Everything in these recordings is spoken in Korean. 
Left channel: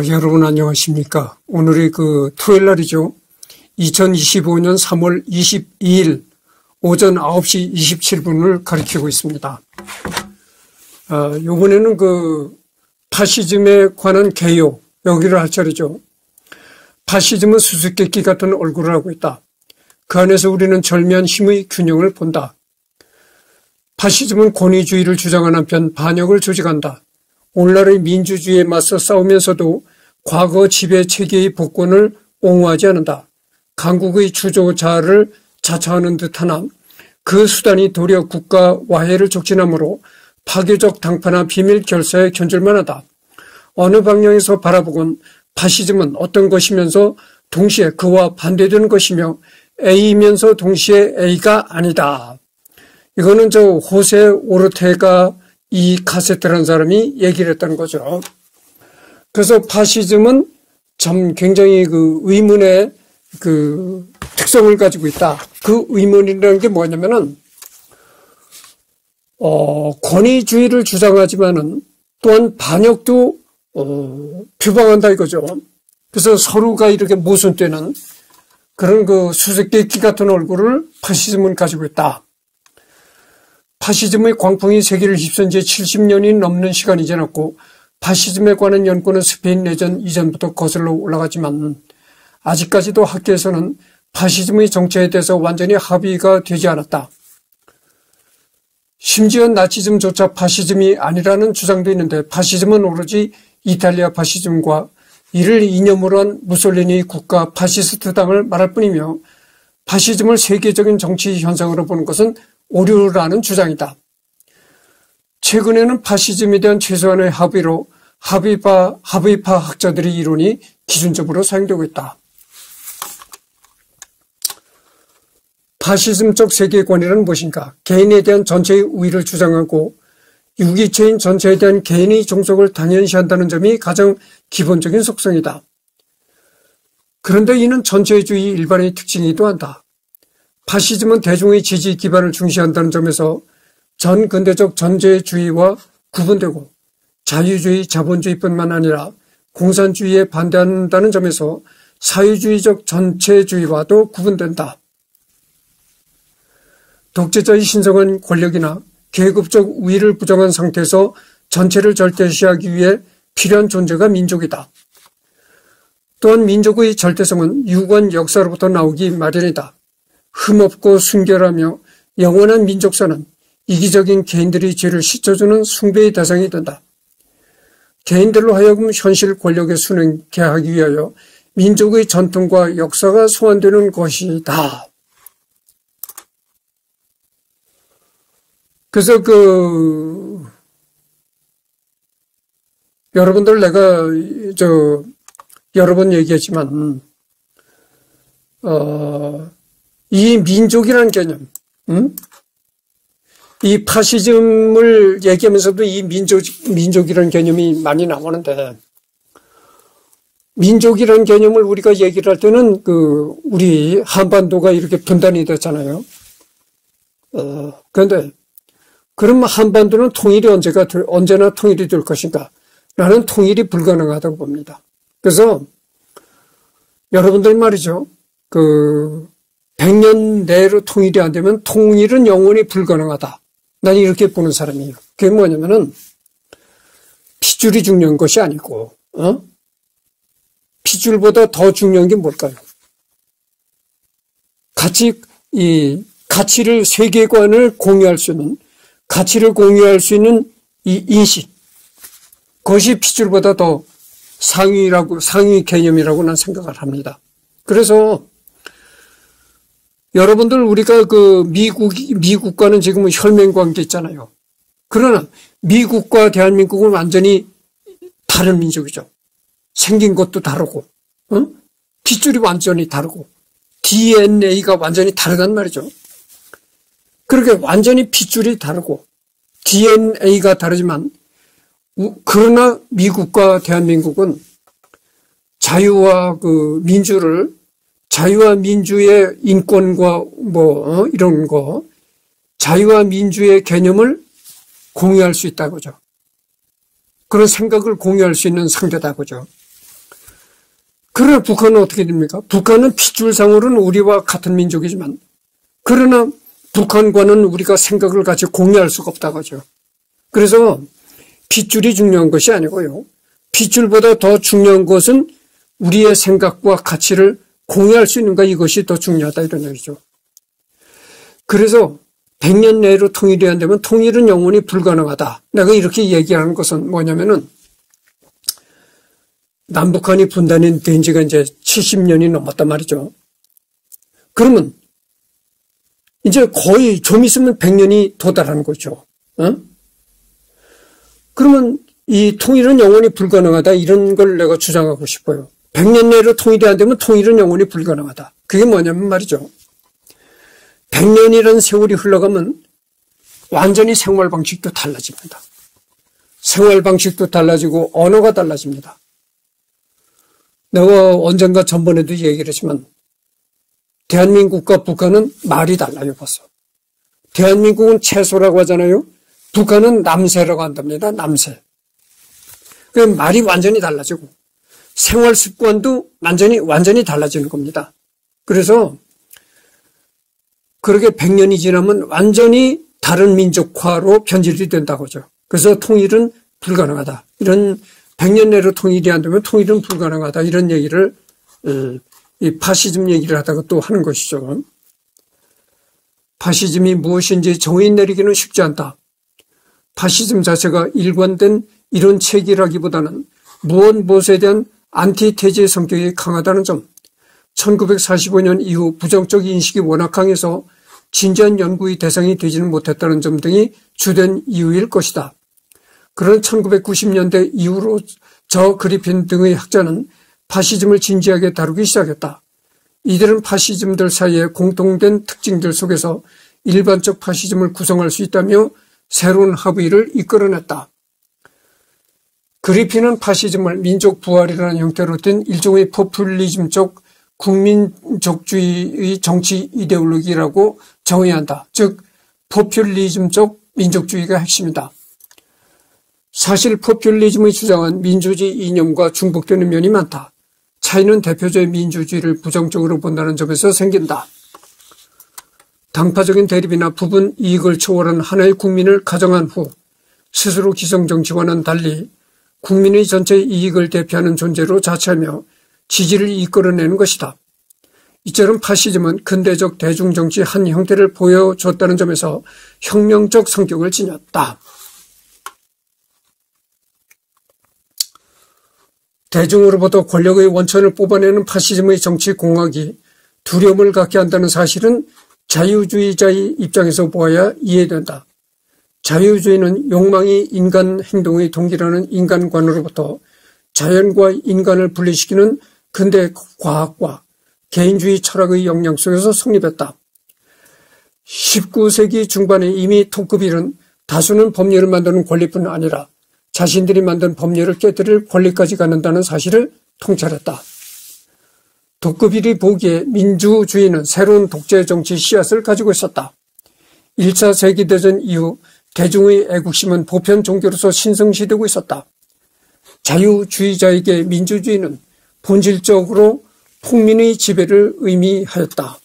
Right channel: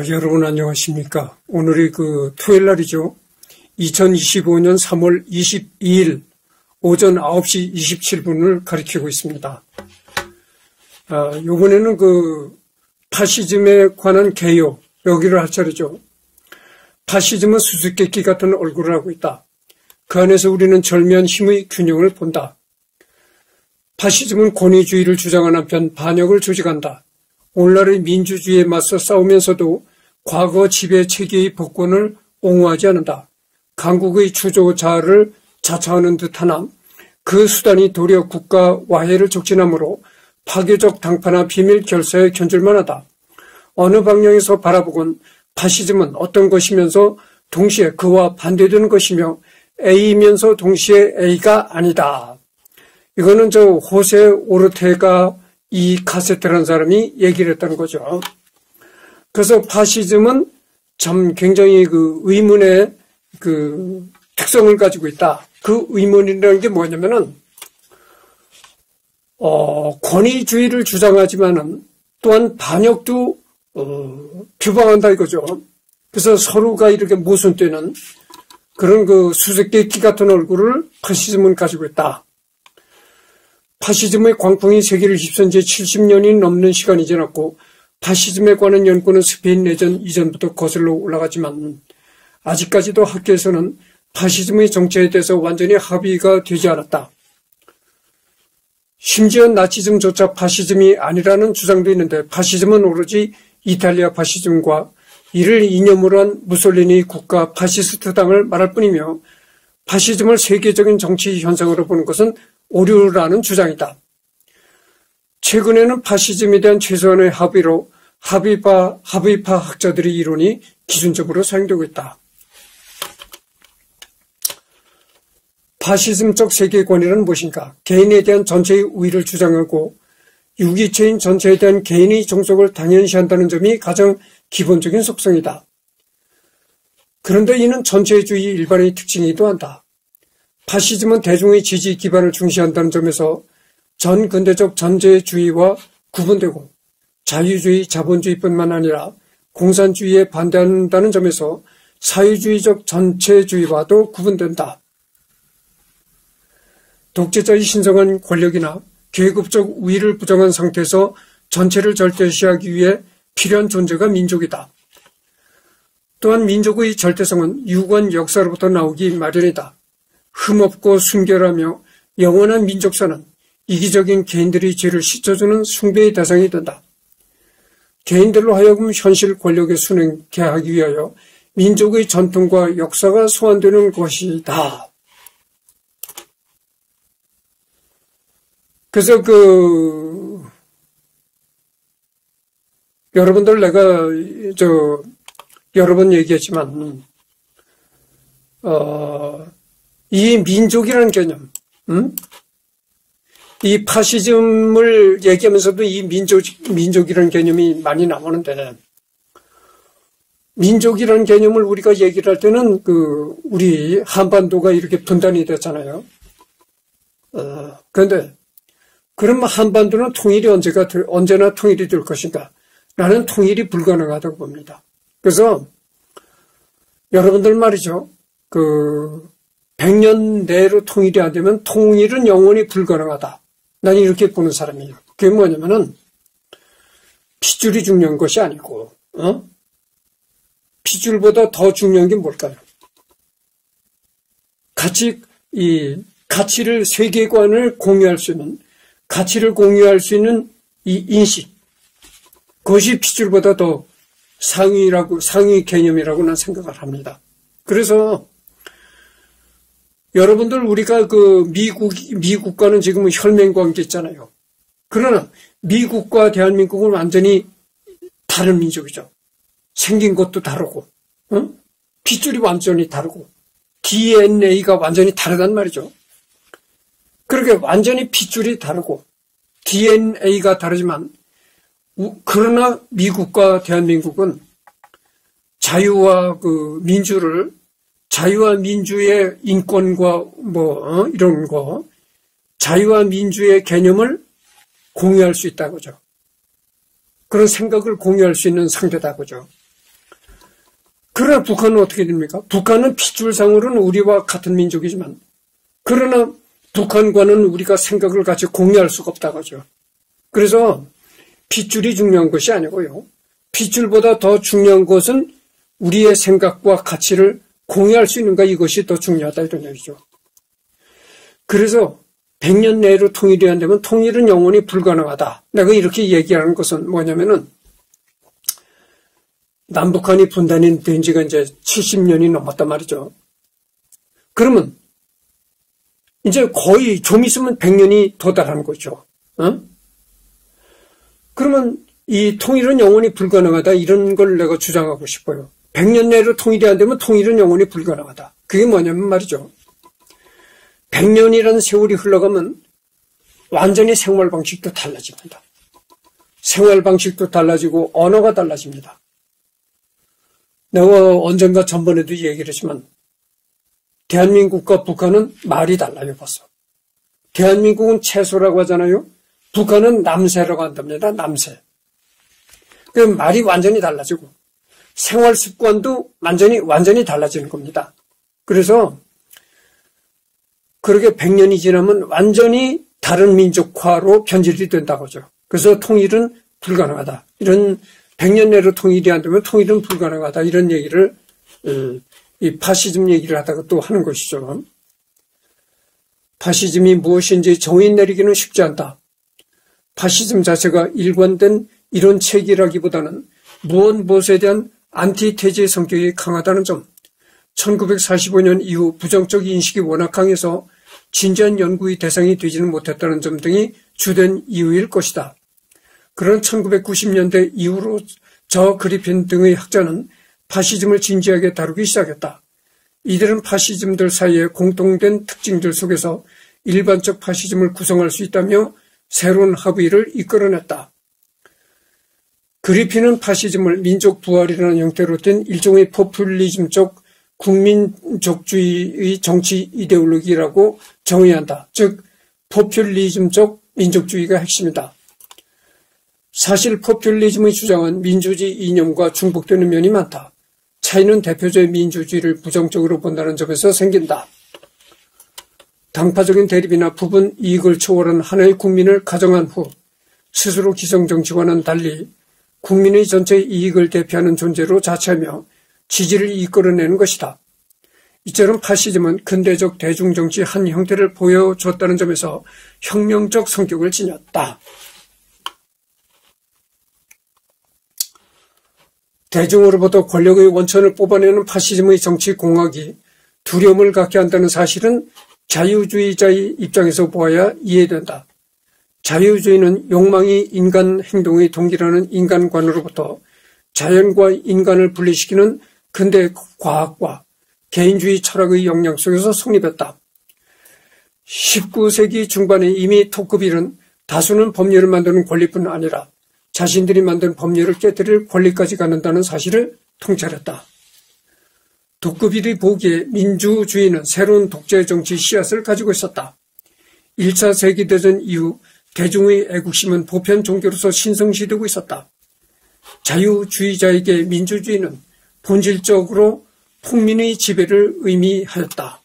여러분 안녕하십니까. 오늘이 토요일 날이죠. 2025년 3월 22일 오전 9시 27분을 가리키고 있습니다. 이번에는 파시즘에 관한 개요, 여기를 할 차례죠. 파시즘은 수수께끼 같은 얼굴을 하고 있다. 그 안에서 우리는 절묘한 힘의 균형을 본다. 파시즘은 권위주의를 주장하는 한편 반역을 조직한다. 오늘날의 민주주의에 맞서 싸우면서도 과거 지배 체계의 복권을 옹호하지 않는다. 강국의 주조자를 자처하는 듯하나 그 수단이 도리어 국가 와해를 촉진하므로 파괴적 당파나 비밀 결사에 견줄만 하다. 어느 방향에서 바라보건 파시즘은 어떤 것이면서 동시에 그와 반대되는 것이며 A이면서 동시에 A가 아니다. 이거는 호세 오르테가 이 카세트라는 사람이 얘기를 했다는 거죠. 그래서 파시즘은 참 굉장히 의문의 특성을 가지고 있다. 그 의문이라는 게 뭐냐면은, 권위주의를 주장하지만은 또한 반역도, 표방한다 이거죠. 그래서 서로가 이렇게 모순되는 그런 수수께끼 같은 얼굴을 파시즘은 가지고 있다. 파시즘의 광풍이 세계를 휩쓴 지 70년이 넘는 시간이 지났고 파시즘에 관한 연구는 스페인 내전 이전부터 거슬러 올라가지만 아직까지도 학계에서는 파시즘의 정체에 대해서 완전히 합의가 되지 않았다. 심지어 나치즘조차 파시즘이 아니라는 주장도 있는데 파시즘은 오로지 이탈리아 파시즘과 이를 이념으로 한 무솔리니 국가 파시스트당을 말할 뿐이며 파시즘을 세계적인 정치 현상으로 보는 것은 오류라는 주장이다. 최근에는 파시즘에 대한 최소한의 합의로 합의파 학자들의 이론이 기준적으로 사용되고 있다. 파시즘적 세계관이란 무엇인가? 개인에 대한 전체의 우위를 주장하고 유기체인 전체에 대한 개인의 종속을 당연시한다는 점이 가장 기본적인 속성이다. 그런데 이는 전체주의 일반의 특징이기도 한다. 파시즘은 대중의 지지 기반을 중시한다는 점에서 전근대적 전제주의와 구분되고 자유주의, 자본주의뿐만 아니라 공산주의에 반대한다는 점에서 사회주의적 전체주의와도 구분된다. 독재자의 신성한 권력이나 계급적 우위를 부정한 상태에서 전체를 절대시하기 위해 필요한 존재가 민족이다. 또한 민족의 절대성은 유구한 역사로부터 나오기 마련이다. 흠없고 순결하며 영원한 민족사는 이기적인 개인들의 죄를 씻어주는 숭배의 대상이 된다. 개인들로 하여금 현실 권력에 순응케 하기 위하여 민족의 전통과 역사가 소환되는 것이다. 그래서 여러분들 내가 여러 번 얘기했지만 이 민족이라는 개념, 이 파시즘을 얘기하면서도 이 민족이라는 개념이 많이 나오는데, 민족이라는 개념을 우리가 얘기를 할 때는 우리 한반도가 이렇게 분단이 됐잖아요. 그런데, 그럼 한반도는 통일이 언제나 통일이 될 것인가? 나는 통일이 불가능하다고 봅니다. 그래서, 여러분들 말이죠. 100년 내로 통일이 안 되면 통일은 영원히 불가능하다. 난 이렇게 보는 사람이에요. 그게 뭐냐면은, 핏줄이 중요한 것이 아니고, 핏줄보다 더 중요한 게 뭘까요? 가치를, 세계관을 공유할 수 있는, 가치를 공유할 수 있는 이 인식. 그것이 핏줄보다 더 상위 개념이라고 난 생각을 합니다. 그래서, 여러분들 우리가 미국과는 지금 혈맹 관계 있잖아요. 그러나 미국과 대한민국은 완전히 다른 민족이죠. 생긴 것도 다르고, 핏줄이 완전히 다르고, DNA가 완전히 다르단 말이죠. 그렇게 완전히 핏줄이 다르고, DNA가 다르지만, 그러나 미국과 대한민국은 자유와 자유와 민주의 인권과 이런 거, 자유와 민주의 개념을 공유할 수 있다고죠. 그런 생각을 공유할 수 있는 상대다고죠. 그러나 북한은 어떻게 됩니까? 북한은 핏줄상으로는 우리와 같은 민족이지만 그러나 북한과는 우리가 생각을 같이 공유할 수가 없다고 하죠. 그래서 핏줄이 중요한 것이 아니고요. 핏줄보다 더 중요한 것은 우리의 생각과 가치를 공유할 수 있는가, 이것이 더 중요하다, 이런 얘기죠. 그래서 100년 내로 통일이 안 되면 통일은 영원히 불가능하다. 내가 이렇게 얘기하는 것은 뭐냐면은 남북한이 분단이 된 지가 이제 70년이 넘었단 말이죠. 그러면 이제 거의 좀 있으면 100년이 도달하는 거죠. 그러면 이 통일은 영원히 불가능하다, 이런 걸 내가 주장하고 싶어요. 100년 내로 통일이 안 되면 통일은 영원히 불가능하다. 그게 뭐냐면 말이죠. 100년이라는 세월이 흘러가면 완전히 생활 방식도 달라집니다. 생활 방식도 달라지고 언어가 달라집니다. 내가 언젠가 전번에도 얘기를 했지만 대한민국과 북한은 말이 달라요, 벌써. 대한민국은 채소라고 하잖아요. 북한은 남새라고 한답니다. 남새. 그 말이 완전히 달라지고 생활 습관도 완전히 달라지는 겁니다. 그래서 그렇게 100년이 지나면 완전히 다른 민족화로 변질이 된다고 하죠. 그래서 통일은 불가능하다. 이런 100년 내로 통일이 안 되면 통일은 불가능하다. 이런 얘기를 이 파시즘 얘기를 하다가 또 하는 것이죠. 파시즘이 무엇인지 정의 내리기는 쉽지 않다. 파시즘 자체가 일관된 이론 체계라기보다는 무엇에 대한 안티테제의 성격이 강하다는 점, 1945년 이후 부정적 인식이 워낙 강해서 진지한 연구의 대상이 되지는 못했다는 점 등이 주된 이유일 것이다. 그러나 1990년대 이후로 저 그리핀 등의 학자는 파시즘을 진지하게 다루기 시작했다. 이들은 파시즘들 사이의 공통된 특징들 속에서 일반적 파시즘을 구성할 수 있다며 새로운 합의를 이끌어냈다. 그리핀은 파시즘을 민족 부활이라는 형태로 된 일종의 포퓰리즘적 국민족주의의 정치 이데올로기라고 정의한다. 즉 포퓰리즘적 민족주의가 핵심이다. 사실 포퓰리즘의 주장은 민주주의 이념과 중복되는 면이 많다. 차이는 대표적인 민주주의를 부정적으로 본다는 점에서 생긴다. 당파적인 대립이나 부분 이익을 초월한 하나의 국민을 가정한 후 스스로 기성정치와는 달리 국민의 전체 이익을 대표하는 존재로 자처하며 지지를 이끌어내는 것이다. 이처럼 파시즘은 근대적 대중정치 한 형태를 보여줬다는 점에서 혁명적 성격을 지녔다. 대중으로부터 권력의 원천을 뽑아내는 파시즘의 정치 공학이 두려움을 갖게 한다는 사실은 자유주의자의 입장에서 보아야 이해된다. 자유주의는 욕망이 인간 행동의 동기라는 인간관으로부터 자연과 인간을 분리시키는 근대 과학과 개인주의 철학의 영향 속에서 성립했다. 19세기 중반에 이미 토크빌은 다수는 법률을 만드는 권리뿐 아니라 자신들이 만든 법률을 깨뜨릴 권리까지 갖는다는 사실을 통찰했다. 토크빌이 보기에 민주주의는 새로운 독재 정치 씨앗을 가지고 있었다. 1차 세계대전 이후 대중의 애국심은 보편 종교로서 신성시되고 있었다. 자유주의자에게 민주주의는 본질적으로 폭민의 지배를 의미하였다.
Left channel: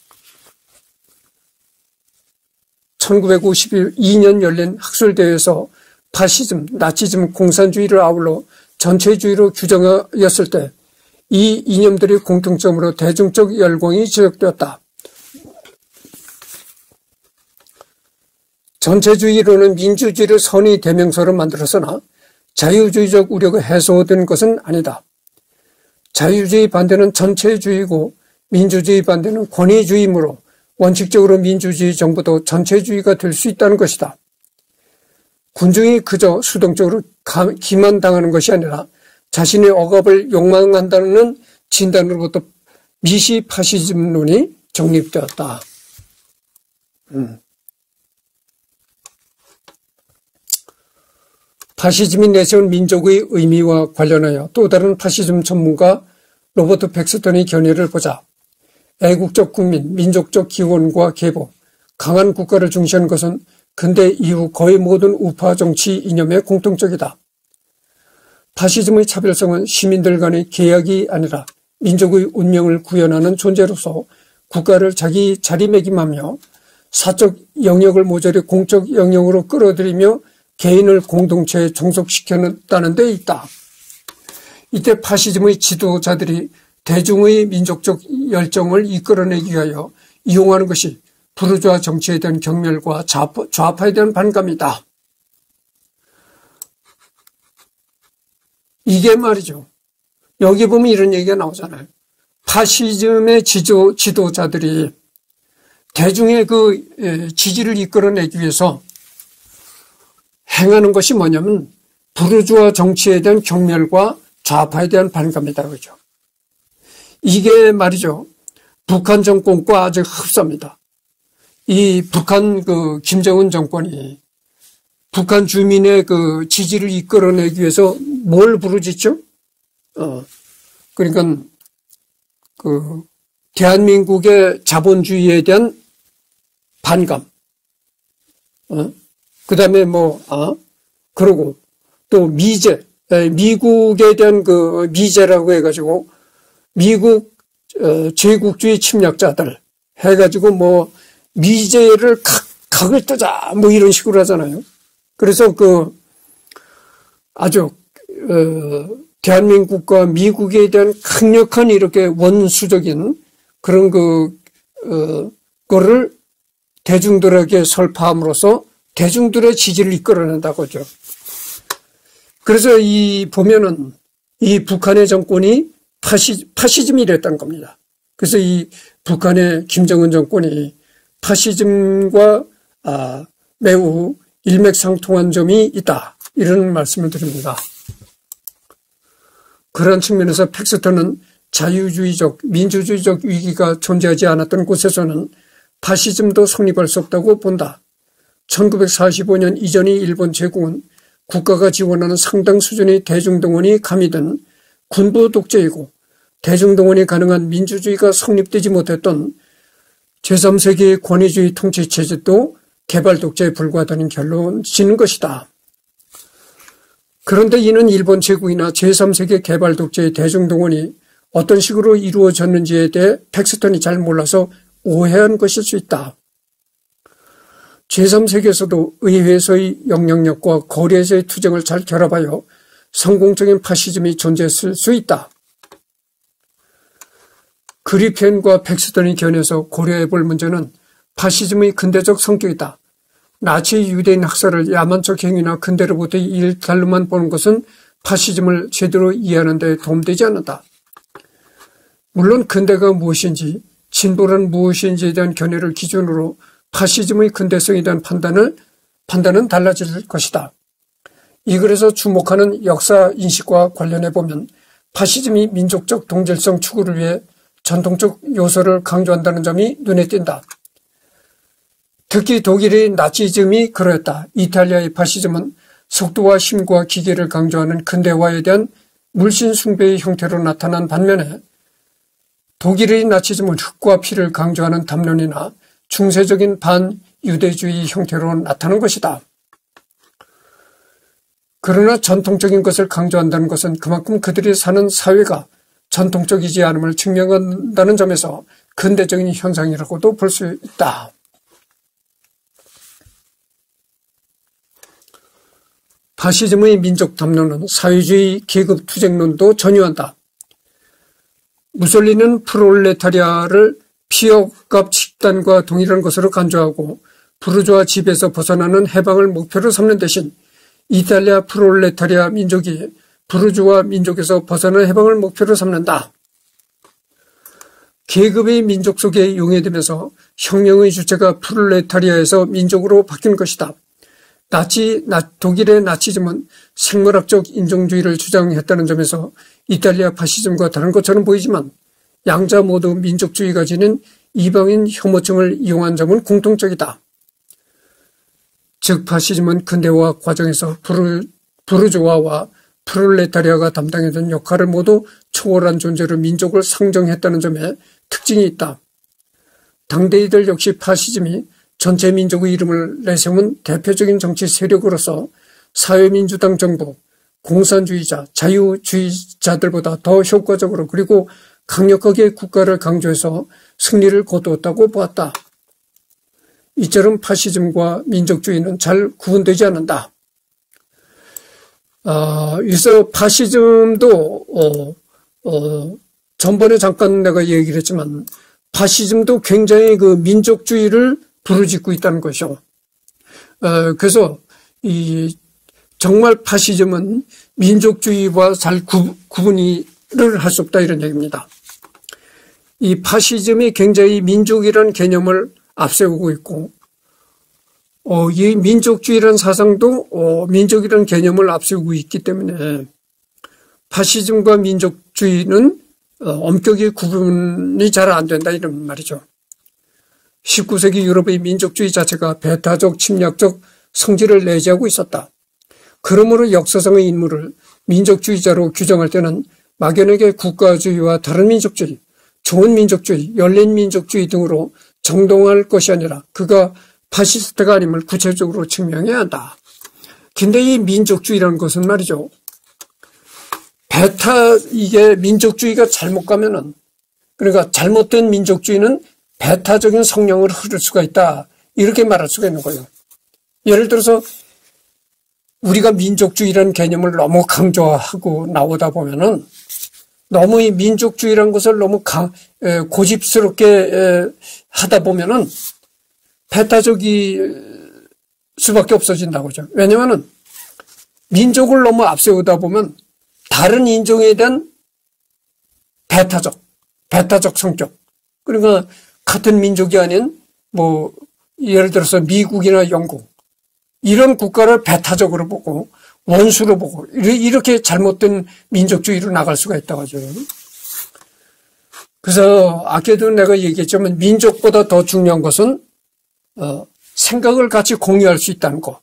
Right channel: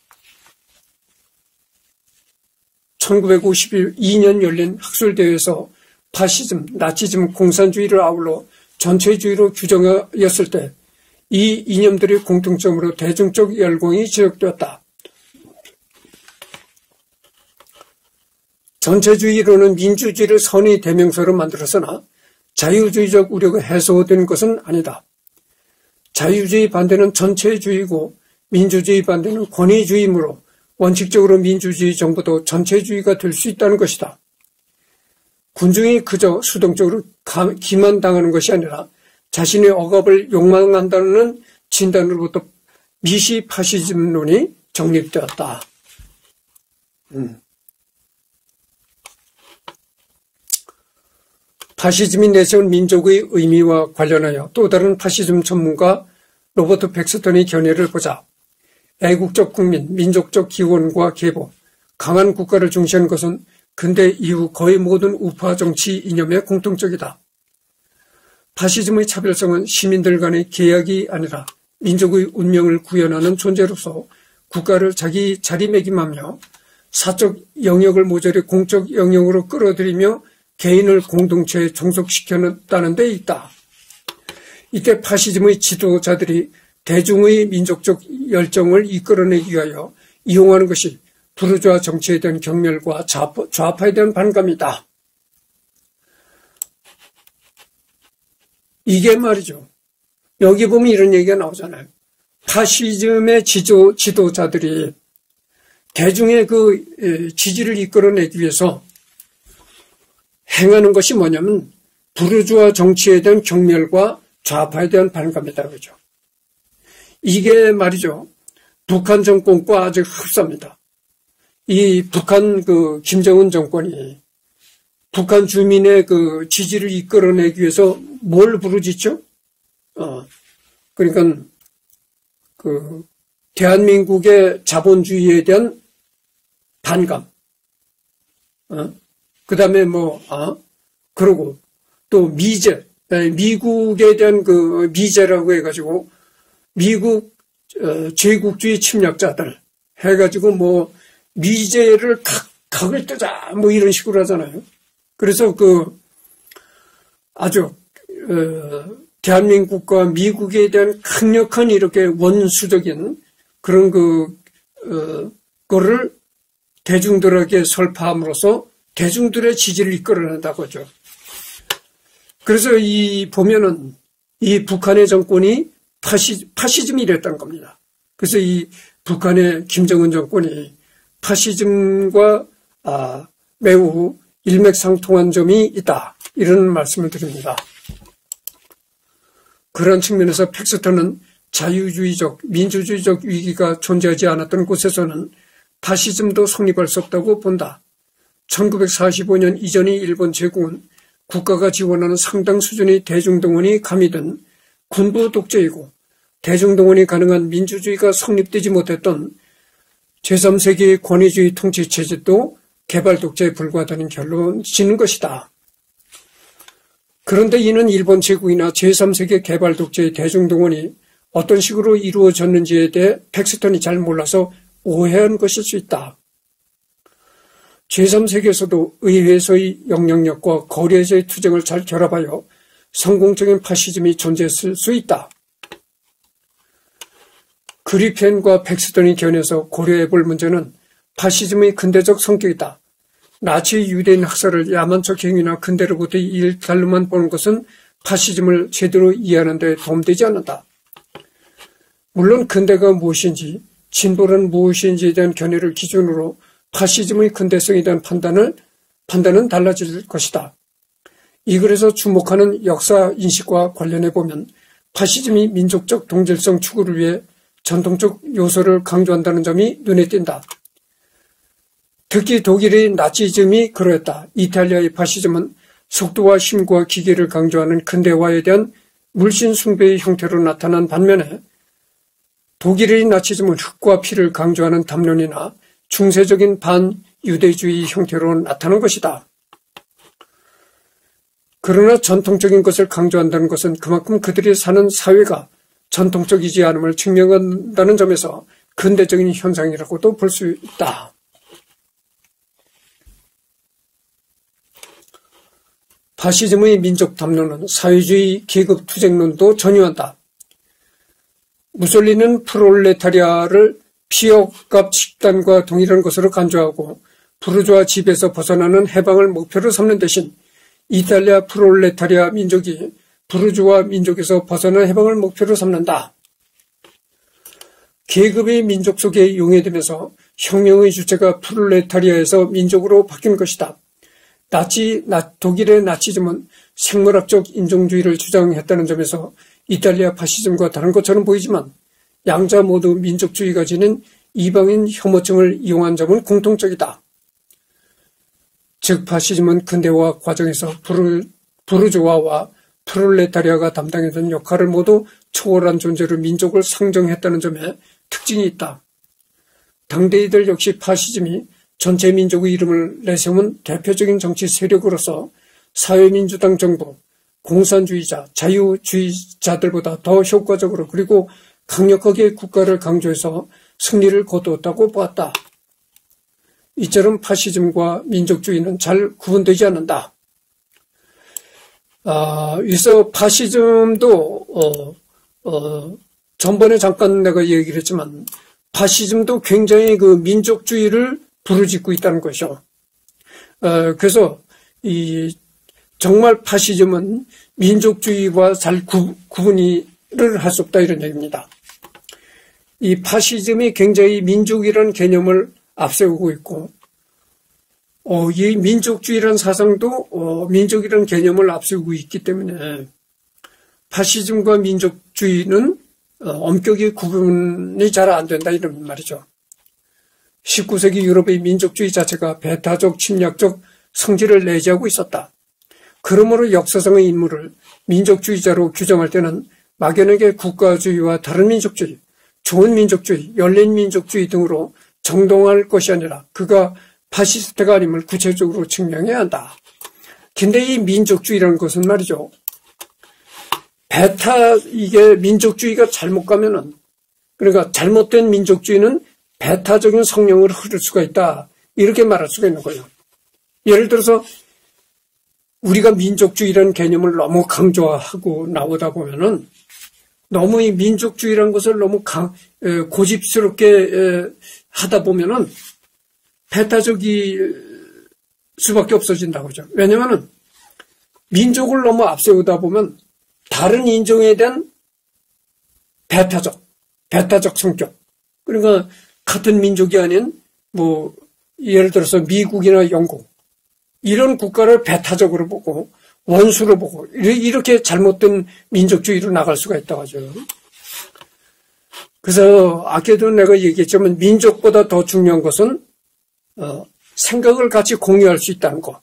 1952년 열린 학술대회에서 파시즘, 나치즘, 공산주의를 아울러 전체주의로 규정하였을 때 이 이념들의 공통점으로 대중적 열광이 지적되었다. 전체주의로는 민주주의를 선의 대명사로 만들었으나 자유주의적 우려가 해소된 것은 아니다. 자유주의 반대는 전체주의고 민주주의 반대는 권위주의이므로 원칙적으로 민주주의 정부도 전체주의가 될 수 있다는 것이다. 군중이 그저 수동적으로 기만당하는 것이 아니라 자신의 억압을 욕망한다는 진단으로부터 미시 파시즘론이 정립되었다. 파시즘이 내세운 민족의 의미와 관련하여 또 다른 파시즘 전문가 로버트 백스턴의 견해를 보자. 애국적 국민, 민족적 기원과 계보, 강한 국가를 중시하는 것은 근대 이후 거의 모든 우파 정치 이념의 공통적이다. 파시즘의 차별성은 시민들 간의 계약이 아니라 민족의 운명을 구현하는 존재로서 국가를 자기 자리매김하며 사적 영역을 모조리 공적 영역으로 끌어들이며 개인을 공동체에 종속시켰다는 데 있다. 이때 파시즘의 지도자들이 대중의 민족적 열정을 이끌어내기 위하여 이용하는 것이 부르주아 정치에 대한 경멸과 좌파에 대한 반감이다. 이게 말이죠. 여기 보면 이런 얘기가 나오잖아요. 파시즘의 지도자들이 대중의 그 지지를 이끌어내기 위해서 행하는 것이 뭐냐면 부르주아 정치에 대한 경멸과 좌파에 대한 반감이다. 그죠? 이게 말이죠. 북한 정권과 아주 흡사합니다. 이 북한 그 김정은 정권이 북한 주민의 그 지지를 이끌어내기 위해서 뭘 부르짖죠? 그러니까 그 대한민국의 자본주의에 대한 반감. 그다음에 그러고 또 미제, 미국에 대한 그 미제라고 해가지고 미국 제국주의 침략자들 해가지고 미제를 각을 뜨자 이런 식으로 하잖아요. 그래서 그 아주 대한민국과 미국에 대한 강력한 이렇게 원수적인 그런 거를 대중들에게 설파함으로써 대중들의 지지를 이끌어낸다고 하죠. 그래서 보면은 이 북한의 정권이 파시즘이 됐다는 겁니다. 그래서 이 북한의 김정은 정권이 파시즘과 매우 일맥상통한 점이 있다. 이런 말씀을 드립니다. 그런 측면에서 팩스턴은 자유주의적, 민주주의적 위기가 존재하지 않았던 곳에서는 파시즘도 성립할 수 없다고 본다. 1945년 이전의 일본 제국은 국가가 지원하는 상당 수준의 대중동원이 가미된 군부 독재이고 대중동원이 가능한 민주주의가 성립되지 못했던 제3세기의 권위주의 통치체제도 개발 독재에 불과하다는 결론을 짓는 것이다. 그런데 이는 일본 제국이나 제3세기 개발 독재의 대중동원이 어떤 식으로 이루어졌는지에 대해 팩스턴이 잘 몰라서 오해한 것일 수 있다. 제3세기에서도 의회에서의 영향력과 거리에서의 투쟁을 잘 결합하여 성공적인 파시즘이 존재했을 수 있다. 그리펜과 팩스턴이 견해서 고려해 볼 문제는 파시즘의 근대적 성격이다. 나치 유대인 학살을 야만적 행위나 근대로부터의 일탈로만 보는 것은 파시즘을 제대로 이해하는 데 도움되지 않는다. 물론 근대가 무엇인지 진보란 무엇인지에 대한 견해를 기준으로 파시즘의 근대성에 대한 판단은 달라질 것이다. 이 글에서 주목하는 역사 인식과 관련해 보면 파시즘이 민족적 동질성 추구를 위해 전통적 요소를 강조한다는 점이 눈에 띈다. 특히 독일의 나치즘이 그러했다. 이탈리아의 파시즘은 속도와 힘과 기계를 강조하는 근대화에 대한 물씬 숭배의 형태로 나타난 반면에 독일의 나치즘은 흙과 피를 강조하는 담론이나 중세적인 반유대주의 형태로 나타난 것이다. 그러나 전통적인 것을 강조한다는 것은 그만큼 그들이 사는 사회가 전통적이지 않음을 증명한다는 점에서 근대적인 현상이라고도 볼 수 있다. 파시즘의 민족 담론은 사회주의 계급 투쟁론도 전유한다. 무솔리는 프롤레타리아를 피업값 집단과 동일한 것으로 간주하고 부르주아 집에서 벗어나는 해방을 목표로 삼는 대신 이탈리아 프롤레타리아 민족이 부르주아 민족에서 벗어난 해방을 목표로 삼는다. 계급의 민족 속에 용해되면서 혁명의 주체가 프롤레타리아에서 민족으로 바뀐 것이다. 독일의 나치즘은 생물학적 인종주의를 주장했다는 점에서 이탈리아 파시즘과 다른 것처럼 보이지만 양자 모두 민족주의가 지닌 이방인 혐오증을 이용한 점은 공통적이다. 즉 파시즘은 근대화 과정에서 부르주아와 프롤레타리아가 담당했던 역할을 모두 초월한 존재로 민족을 상정했다는 점에 특징이 있다. 당대이들 역시 파시즘이 전체 민족의 이름을 내세운 대표적인 정치 세력으로서 사회민주당 정부, 공산주의자, 자유주의자들보다 더 효과적으로 그리고 강력하게 국가를 강조해서 승리를 거두었다고 보았다. 이처럼 파시즘과 민족주의는 잘 구분되지 않는다. 그래서 파시즘도 전번에 잠깐 내가 얘기를 했지만 파시즘도 굉장히 그 민족주의를 부르짖고 있다는 것이죠. 그래서 정말 파시즘은 민족주의와 잘 구분을 할 수 없다 이런 얘기입니다. 이 파시즘이 굉장히 민족이라는 개념을 앞세우고 있고 이 민족주의라는 사상도 민족이라는 개념을 앞세우고 있기 때문에 파시즘과 민족주의는 엄격히 구분이 잘 안 된다 이런 말이죠. 19세기 유럽의 민족주의 자체가 배타적 침략적 성질을 내재하고 있었다. 그러므로 역사상의 인물을 민족주의자로 규정할 때는 막연하게 국가주의와 다른 민족주의, 좋은 민족주의, 열린 민족주의 등으로 정동할 것이 아니라 그가 파시스트가 아님을 구체적으로 증명해야 한다. 근데 이 민족주의라는 것은 말이죠. 이게 민족주의가 잘못 가면은, 그러니까 잘못된 민족주의는 배타적인 성령을 흐를 수가 있다. 이렇게 말할 수가 있는 거예요. 예를 들어서 우리가 민족주의라는 개념을 너무 강조하고 나오다 보면은 너무 이 민족주의라는 것을 너무 고집스럽게 하다 보면은 배타적일 수밖에 없어진다고 하죠. 왜냐면은 민족을 너무 앞세우다 보면 다른 인종에 대한 배타적 성격. 그러니까 같은 민족이 아닌 예를 들어서 미국이나 영국 이런 국가를 배타적으로 보고 원수로 보고 이렇게 잘못된 민족주의로 나갈 수가 있다고 하죠. 그래서 아까도 내가 얘기했지만 민족보다 더 중요한 것은 생각을 같이 공유할 수 있다는 것.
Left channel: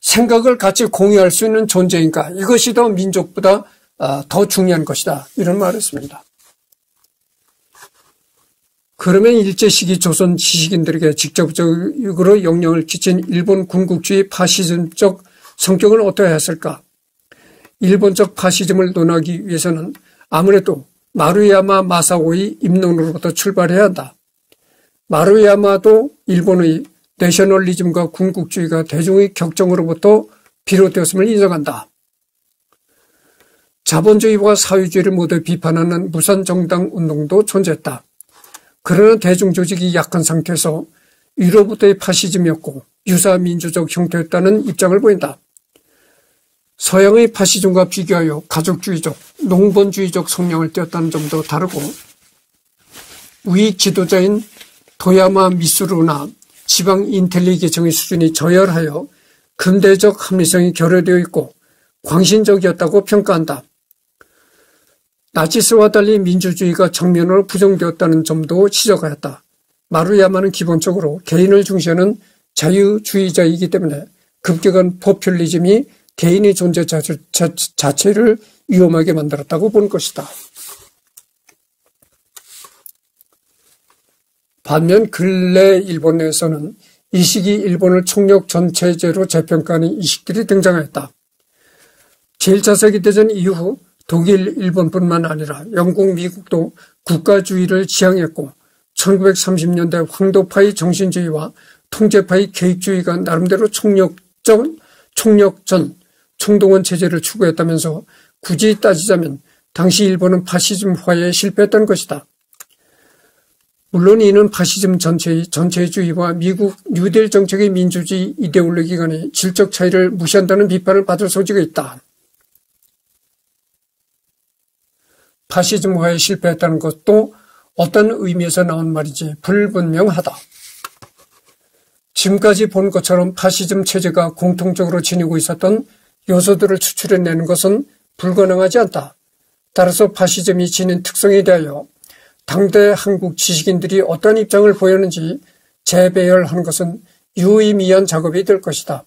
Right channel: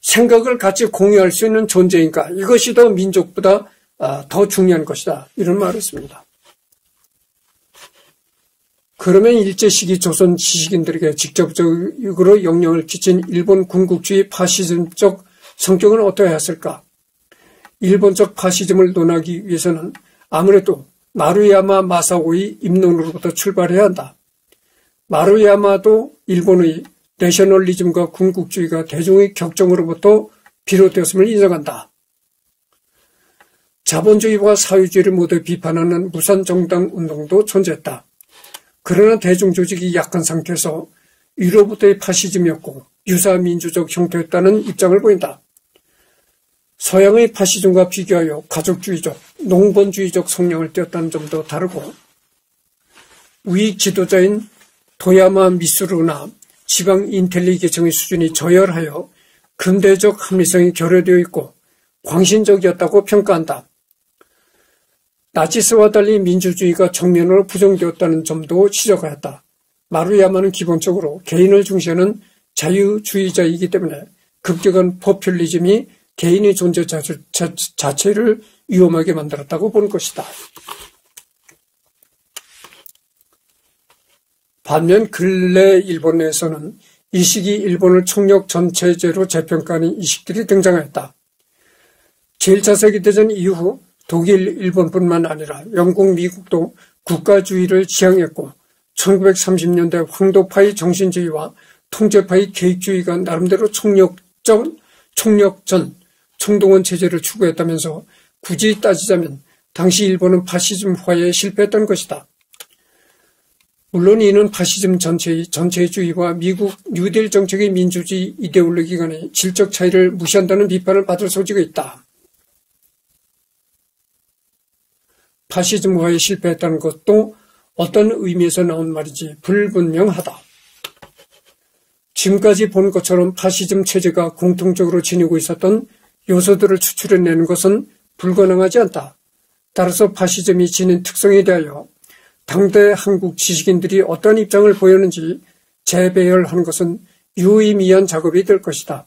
생각을 같이 공유할 수 있는 존재인가. 이것이 더 민족보다 더 중요한 것이다. 이런 말을 했습니다. 그러면 일제시기 조선 지식인들에게 직접적으로 영향을 끼친 일본 군국주의 파시즘적 성격을 어떻게 했을까? 일본적 파시즘을 논하기 위해서는 아무래도 마루야마 마사오의 입론으로부터 출발해야 한다. 마루야마도 일본의 내셔널리즘과 군국주의가 대중의 격정으로부터 비롯되었음을 인정한다. 자본주의와 사회주의를 모두 비판하는 무산정당 운동도 존재했다. 그러나 대중조직이 약한 상태에서 위로부터의 파시즘이었고 유사민주적 형태였다는 입장을 보인다. 서양의 파시즘과 비교하여 가족주의적, 농번주의적 성향을 띄었다는 점도 다르고 위 지도자인 도야마 미스루나 지방 인텔리 계층의 수준이 저열하여 근대적 합리성이 결여되어 있고 광신적이었다고 평가한다. 나치스와 달리 민주주의가 정면으로 부정되었다는 점도 지적하였다. 마루야마는 기본적으로 개인을 중시하는 자유주의자이기 때문에 급격한 포퓰리즘이 개인의 존재 자체를 위험하게 만들었다고 보는 것이다. 반면 근래 일본 내에서는 이 시기 일본을 총력 전체제로 재평가하는 이식들이 등장하였다. 제1차 세계대전 이후 독일, 일본뿐만 아니라 영국, 미국도 국가주의를 지향했고 1930년대 황도파의 정신주의와 통제파의 계획주의가 나름대로 총력전, 총동원 체제를 추구했다면서 굳이 따지자면 당시 일본은 파시즘화에 실패했던 것이다. 물론 이는 파시즘 전체주의와 미국 뉴딜 정책의 민주주의 이데올로기 간의 질적 차이를 무시한다는 비판을 받을 소지가 있다. 파시즘화에 실패했다는 것도 어떤 의미에서 나온 말인지 불분명하다. 지금까지 본 것처럼 파시즘 체제가 공통적으로 지니고 있었던 요소들을 추출해내는 것은 불가능하지 않다. 따라서 파시즘이 지닌 특성에 대하여 당대 한국 지식인들이 어떤 입장을 보였는지 재배열하는 것은 유의미한 작업이 될 것이다.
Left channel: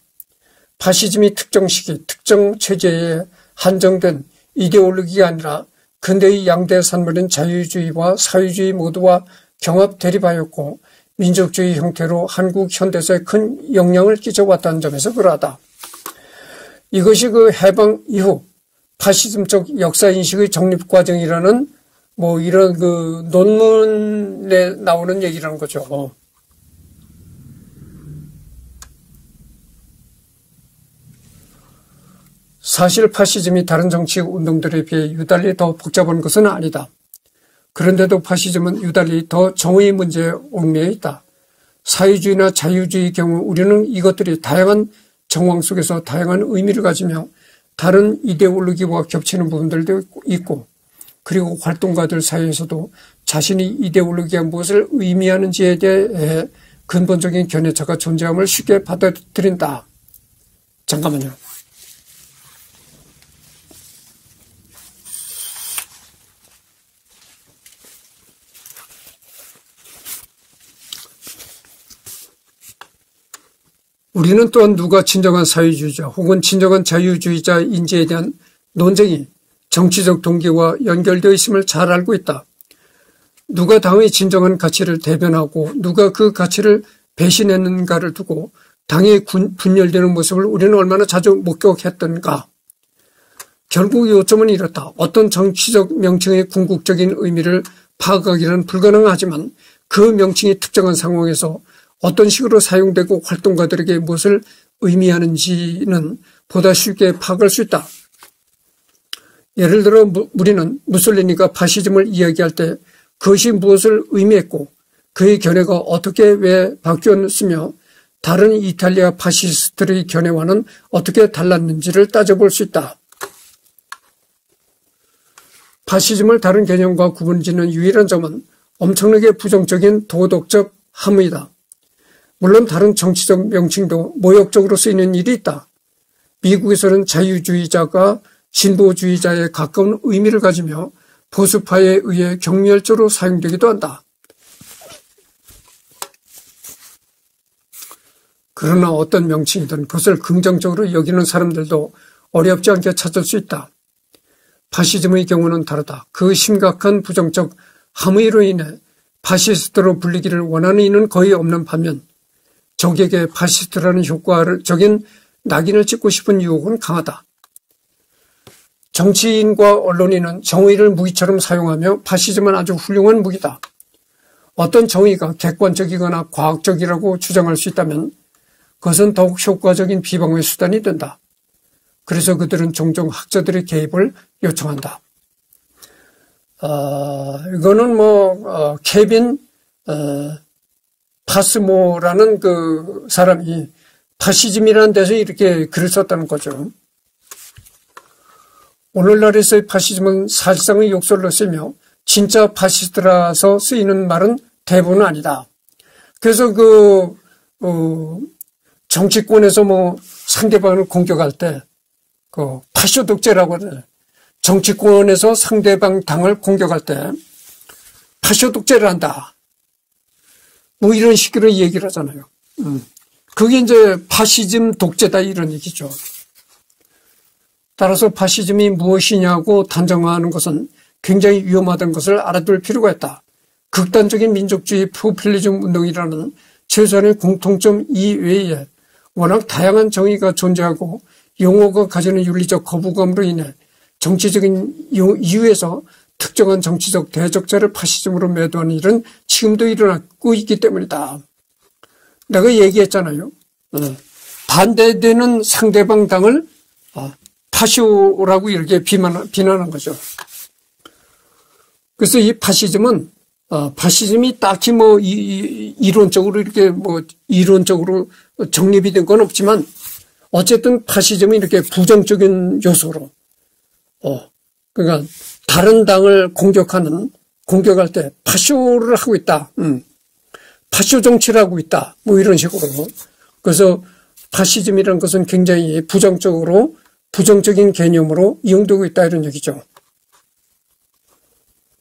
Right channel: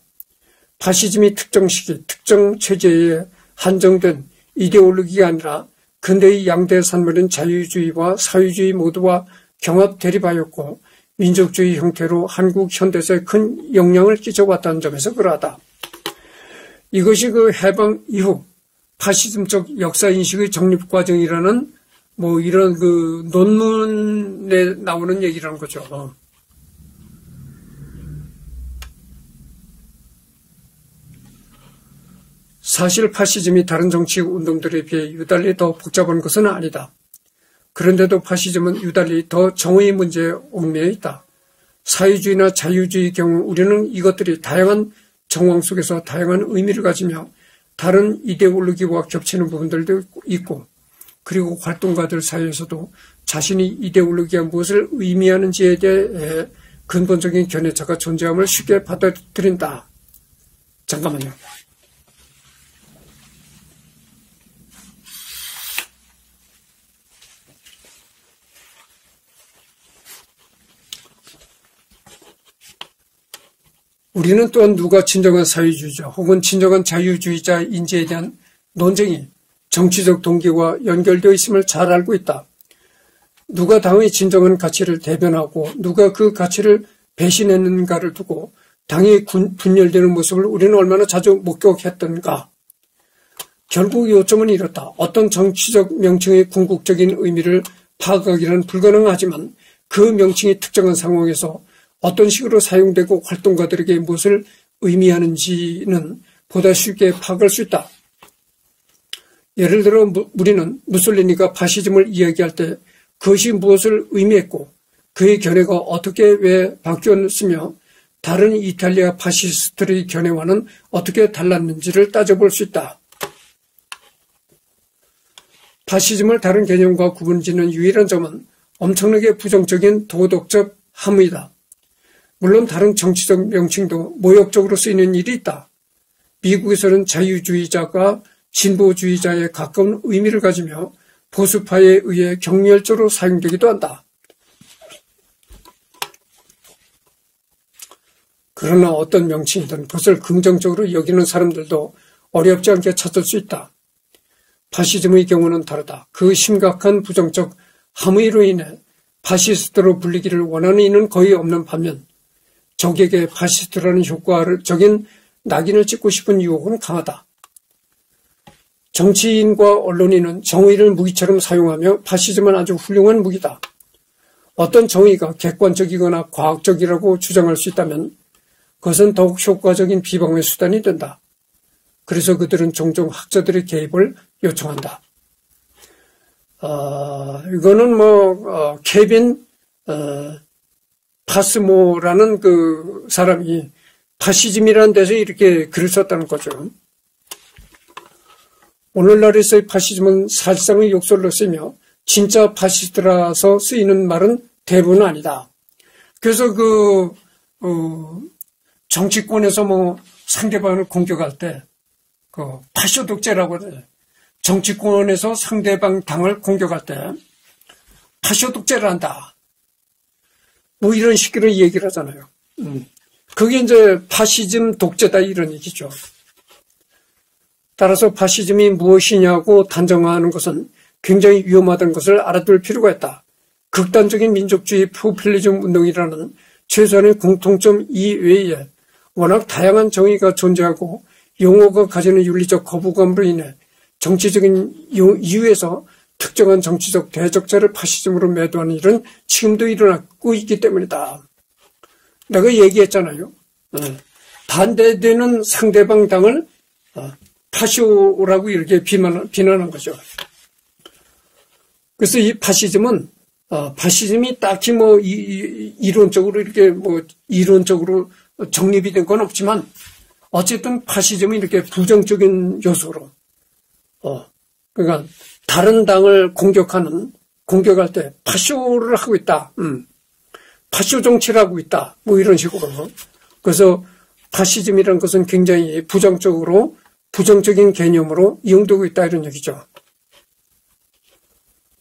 파시즘이 특정 시기, 특정 체제에 한정된 이데올로기가 아니라 근대의 양대 산물인 자유주의와 사회주의 모두와 경합 대립하였고 민족주의 형태로 한국 현대사에 큰 영향을 끼쳐왔다는 점에서 그러하다. 이것이 그 해방 이후 파시즘적 역사인식의 정립 과정이라는 뭐 이런 그 논문에 나오는 얘기라는 거죠. 사실 파시즘이 다른 정치 운동들에 비해 유달리 더 복잡한 것은 아니다. 그런데도 파시즘은 유달리 더 정의 문제에 얽매여 있다. 사회주의나 자유주의의 경우 우리는 이것들이 다양한 정황 속에서 다양한 의미를 가지며 다른 이데올로기와 겹치는 부분들도 있고, 그리고 활동가들 사이에서도 자신이 이데올로기가 무엇을 의미하는지에 대해 근본적인 견해차가 존재함을 쉽게 받아들인다. 잠깐만요. 우리는 또한 누가 진정한 사회주의자 혹은 진정한 자유주의자인지에 대한 논쟁이 정치적 동기와 연결되어 있음을 잘 알고 있다. 누가 당의 진정한 가치를 대변하고 누가 그 가치를 배신했는가를 두고 당이 분열되는 모습을 우리는 얼마나 자주 목격했던가. 결국 요점은 이렇다. 어떤 정치적 명칭의 궁극적인 의미를 파악하기는 불가능하지만 그 명칭이 특정한 상황에서 어떤 식으로 사용되고 활동가들에게 무엇을 의미하는지는 보다 쉽게 파악할 수 있다. 예를 들어 우리는 무솔리니가 파시즘을 이야기할 때 그것이 무엇을 의미했고 그의 견해가 어떻게 왜 바뀌었으며 다른 이탈리아 파시스트의 견해와는 어떻게 달랐는지를 따져볼 수 있다. 파시즘을 다른 개념과 구분짓는 유일한 점은 엄청나게 부정적인 도덕적 함의다. 물론 다른 정치적 명칭도 모욕적으로 쓰이는 일이 있다. 미국에서는 자유주의자가 진보주의자에 가까운 의미를 가지며 보수파에 의해 경멸적으로 사용되기도 한다. 그러나 어떤 명칭이든 그것을 긍정적으로 여기는 사람들도 어렵지 않게 찾을 수 있다. 파시즘의 경우는 다르다. 그 심각한 부정적 함의로 인해 파시스트로 불리기를 원하는 이는 거의 없는 반면 적에게 파시스트라는 효과적인 낙인을 찍고 싶은 유혹은 강하다. 정치인과 언론인은 정의를 무기처럼 사용하며 파시즘은 아주 훌륭한 무기다. 어떤 정의가 객관적이거나 과학적이라고 주장할 수 있다면 그것은 더욱 효과적인 비방의 수단이 된다. 그래서 그들은 종종 학자들의 개입을 요청한다. 이거는 케빈 파스모라는 그 사람이 파시즘이라는 데서 이렇게 글을 썼다는 거죠. 오늘날에서의 파시즘은 사실상의 욕설로 쓰이며 진짜 파시스트라서 쓰이는 말은 대부분은 아니다. 그래서 정치권에서 상대방을 공격할 때 파쇼 독재라고 하잖아요. 정치권에서 상대방 당을 공격할 때 파쇼 독재를 한다. 이런 식으로 얘기를 하잖아요. 그게 이제 파시즘 독재다 이런 얘기죠. 따라서 파시즘이 무엇이냐고 단정하는 것은 굉장히 위험하다는 것을 알아둘 필요가 있다. 극단적인 민족주의 포퓰리즘 운동이라는 최소한의 공통점 이외에 워낙 다양한 정의가 존재하고 용어가 가지는 윤리적 거부감으로 인해 정치적인 이유에서 특정한 정치적 대적자를 파시즘으로 매도하는 일은 지금도 일어나고 있기 때문이다. 내가 얘기했잖아요. 반대되는 상대방 당을 파쇼라고 이렇게 비난한 거죠. 그래서 이 파시즘은 파시즘이 딱히 이론적으로 이렇게 이론적으로 정립이 된 건 없지만 어쨌든 파시즘은 이렇게 부정적인 요소로 그러니까 다른 당을 공격할 때 파쇼를 하고 있다. 파쇼 정치를 하고 있다. 이런 식으로. 그래서 파시즘이라는 것은 굉장히 부정적인 개념으로 이용되고 있다 이런 얘기죠.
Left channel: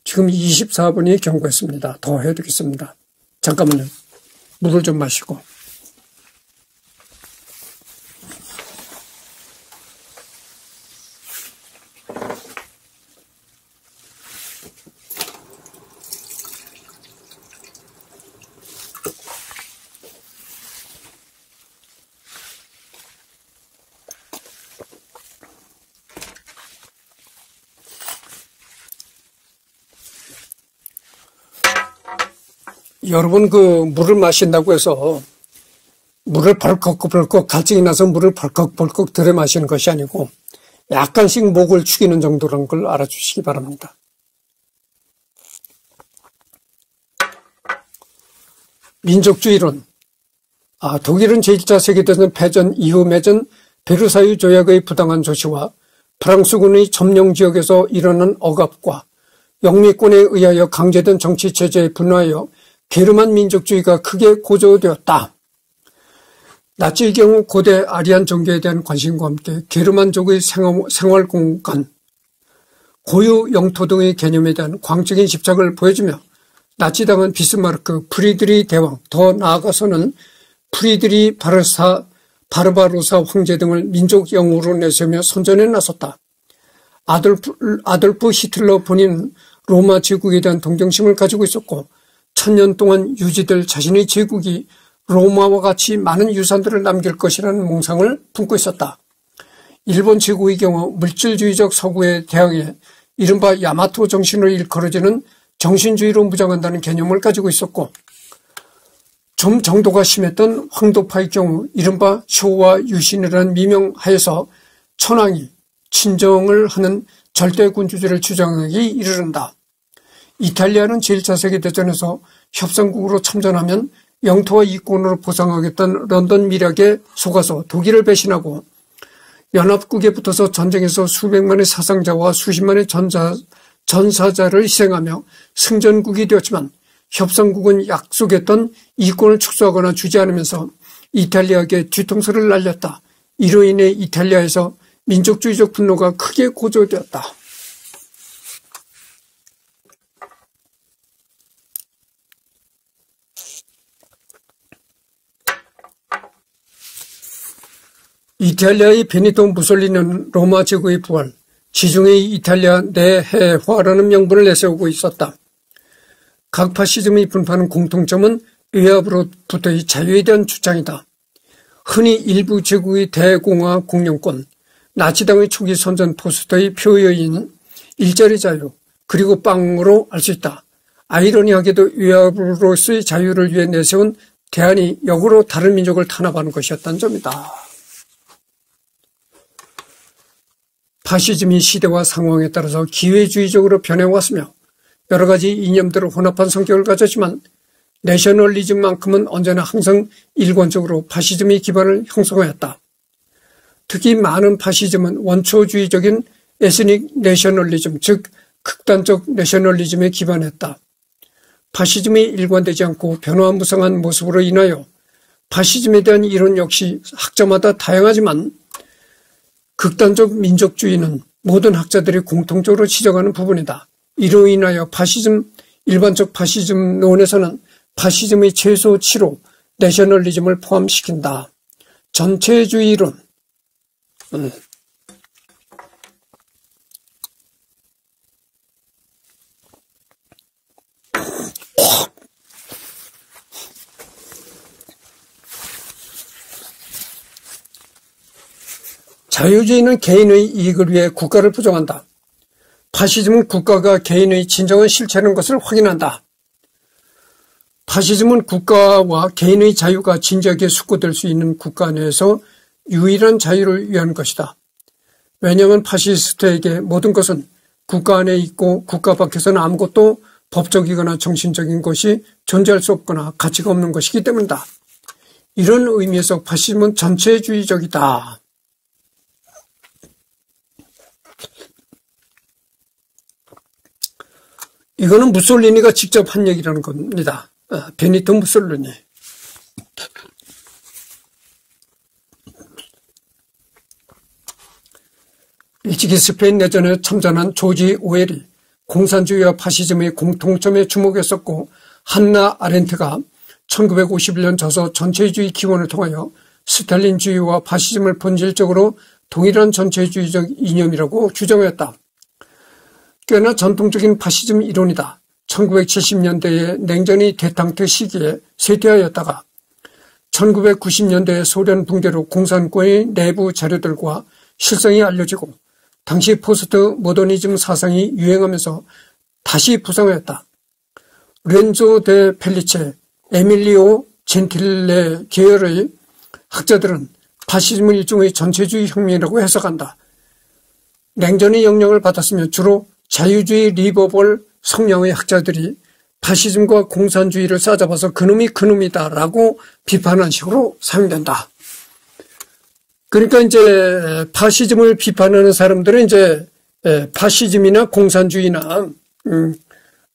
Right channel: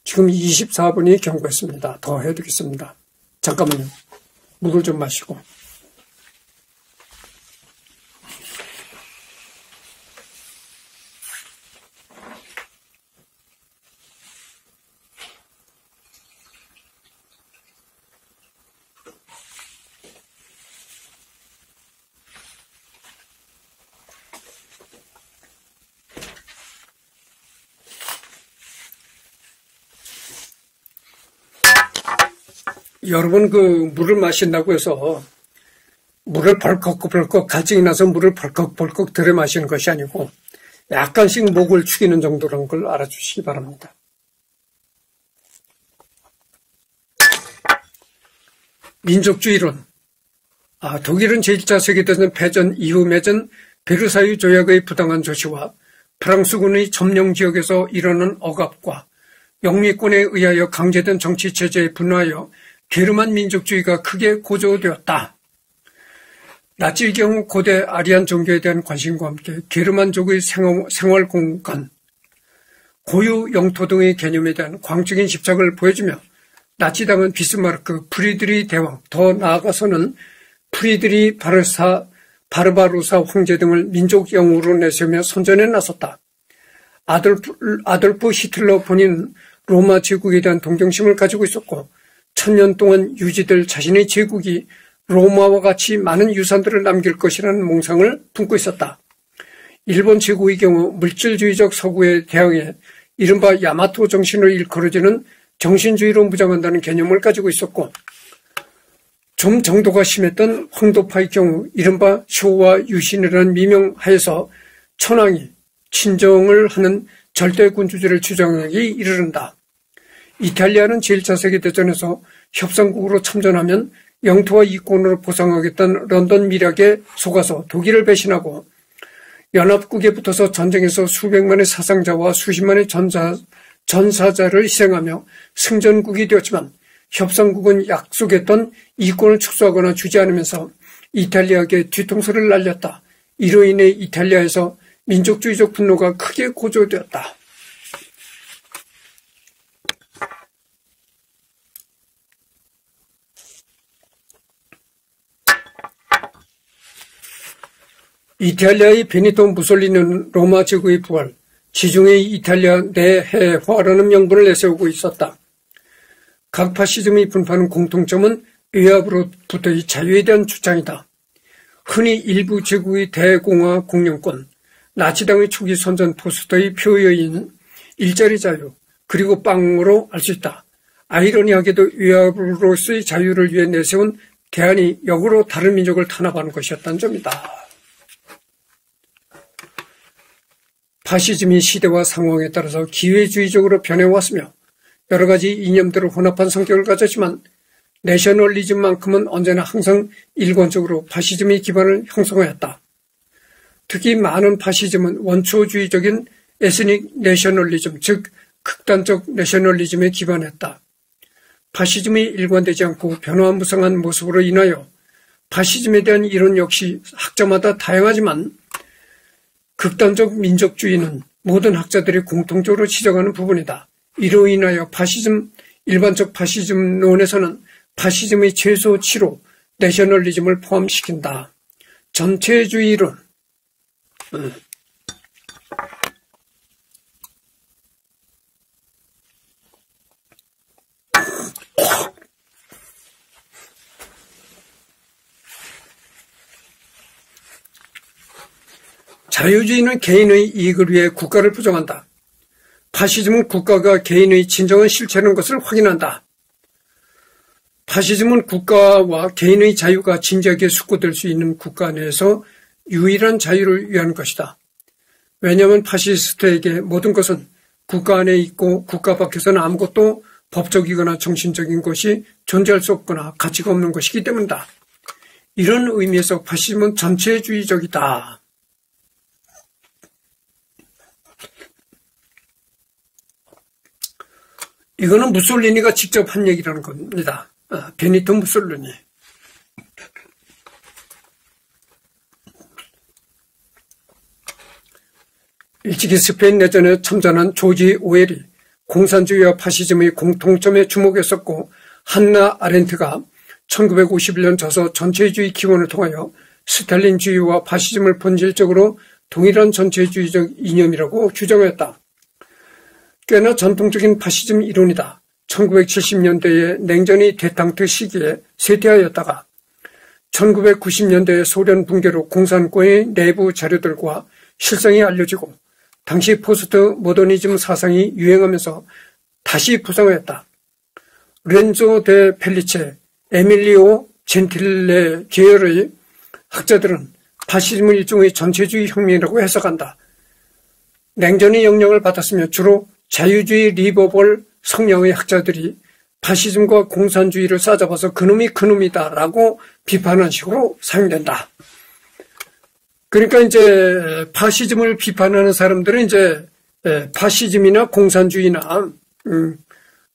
지금 24분이 경고했습니다. 더 해드리겠습니다. 잠깐만요. 물을 좀 마시고. 여러분 물을 마신다고 해서 물을 벌컥벌컥 갈증이 나서 물을 벌컥벌컥 들여 마시는 것이 아니고 약간씩 목을 축이는 정도라는 걸 알아주시기 바랍니다. 민족주의론. 독일은 제1차 세계대전 패전 이후 맺은 베르사유 조약의 부당한 조치와 프랑스군의 점령 지역에서 일어난 억압과 영미권에 의하여 강제된 정치체제에 분노하여 게르만 민족주의가 크게 고조되었다. 나치의 경우 고대 아리안 종교에 대한 관심과 함께 게르만족의 생활공간, 고유 영토 등의 개념에 대한 광적인 집착을 보여주며 나치당은 비스마르크, 프리드리 대왕, 더 나아가서는 프리드리 바르바로사 황제 등을 민족 영웅으로 내세우며 선전에 나섰다. 아돌프 히틀러 본인은 로마 제국에 대한 동정심을 가지고 있었고 1000년 동안 유지될 자신의 제국이 로마와 같이 많은 유산들을 남길 것이라는 몽상을 품고 있었다. 일본 제국의 경우 물질주의적 서구에 대항해 이른바 야마토 정신으로 일컬어지는 정신주의로 무장한다는 개념을 가지고 있었고 좀 정도가 심했던 황도파의 경우 이른바 쇼와 유신이라는 미명하에서 천황이 친정을 하는 절대군주제를 주장하기 이르른다. 이탈리아는 제1차 세계대전에서 협상국으로 참전하면 영토와 이권으로 보상하겠다는 런던 밀약에 속아서 독일을 배신하고 연합국에 붙어서 전쟁에서 수백만의 사상자와 수십만의 전사자를 희생하며 승전국이 되었지만 협상국은 약속했던 이권을 축소하거나 주지 않으면서 이탈리아에게 뒤통수를 날렸다. 이로 인해 이탈리아에서 민족주의적 분노가 크게 고조되었다. 이탈리아의 베니토 무솔리니는 로마 제국의 부활, 지중해 이탈리아 내해화라는 명분을 내세우고 있었다. 각 파시즘이 분포하는 공통점은 외압으로부터의 자유에 대한 주장이다. 흔히 일부 제국의 대공화 공영권, 나치당의 초기 선전 포스터의 표여인 일자리 자유, 그리고 빵으로 알 수 있다. 아이러니하게도 외압으로서의 자유를 위해 내세운 대안이 역으로 다른 민족을 탄압하는 것이었다는 점이다. 파시즘이 시대와 상황에 따라서 기회주의적으로 변해왔으며 여러 가지 이념들을 혼합한 성격을 가졌지만 내셔널리즘만큼은 언제나 항상 일관적으로 파시즘의 기반을 형성하였다. 특히 많은 파시즘은 원초주의적인 에스닉 내셔널리즘, 즉 극단적 내셔널리즘에 기반했다. 파시즘이 일관되지 않고 변화무쌍한 모습으로 인하여 파시즘에 대한 이론 역시 학자마다 다양하지만 극단적 민족주의는 모든 학자들이 공통적으로 지적하는 부분이다. 이로 인하여 일반적 파시즘론에서는 파시즘의 최소치로 내셔널리즘을 포함시킨다. 전체주의론. 자유주의는 개인의 이익을 위해 국가를 부정한다. 파시즘은 국가가 개인의 진정한 실체라는 것을 확인한다. 파시즘은 국가와 개인의 자유가 진지하게 숙고될 수 있는 국가 내에서 유일한 자유를 위한 것이다. 왜냐하면 파시스트에게 모든 것은 국가 안에 있고 국가 밖에서는 아무것도 법적이거나 정신적인 것이 존재할 수 없거나 가치가 없는 것이기 때문이다. 이런 의미에서 파시즘은 전체주의적이다. 이거는 무솔리니가 직접 한 얘기라는 겁니다. 베니토 무솔리니. 일찍이 스페인 내전에 참전한 조지 오웰이 공산주의와 파시즘의 공통점에 주목했었고 한나 아렌트가 1951년 저서 전체주의 기원을 통하여 스탈린주의와 파시즘을 본질적으로 동일한 전체주의적 이념이라고 규정했다. 꽤나 전통적인 파시즘 이론이다. 1970년대에 냉전이 대탕트 시기에 쇠퇴하였다가 1990년대에 소련 붕괴로 공산권의 내부 자료들과 실상이 알려지고 당시 포스트 모더니즘 사상이 유행하면서 다시 부상하였다. 렌조 데 펠리체, 에밀리오 젠틸레 계열의 학자들은 파시즘을 일종의 전체주의 혁명이라고 해석한다. 냉전의 영향을 받았으며 주로 자유주의 리버벌 성향의 학자들이 파시즘과 공산주의를 싸잡아서 그놈이 그놈이다라고 비판한 식으로 사용된다. 그러니까 이제 파시즘을 비판하는 사람들은 이제 파시즘이나 공산주의나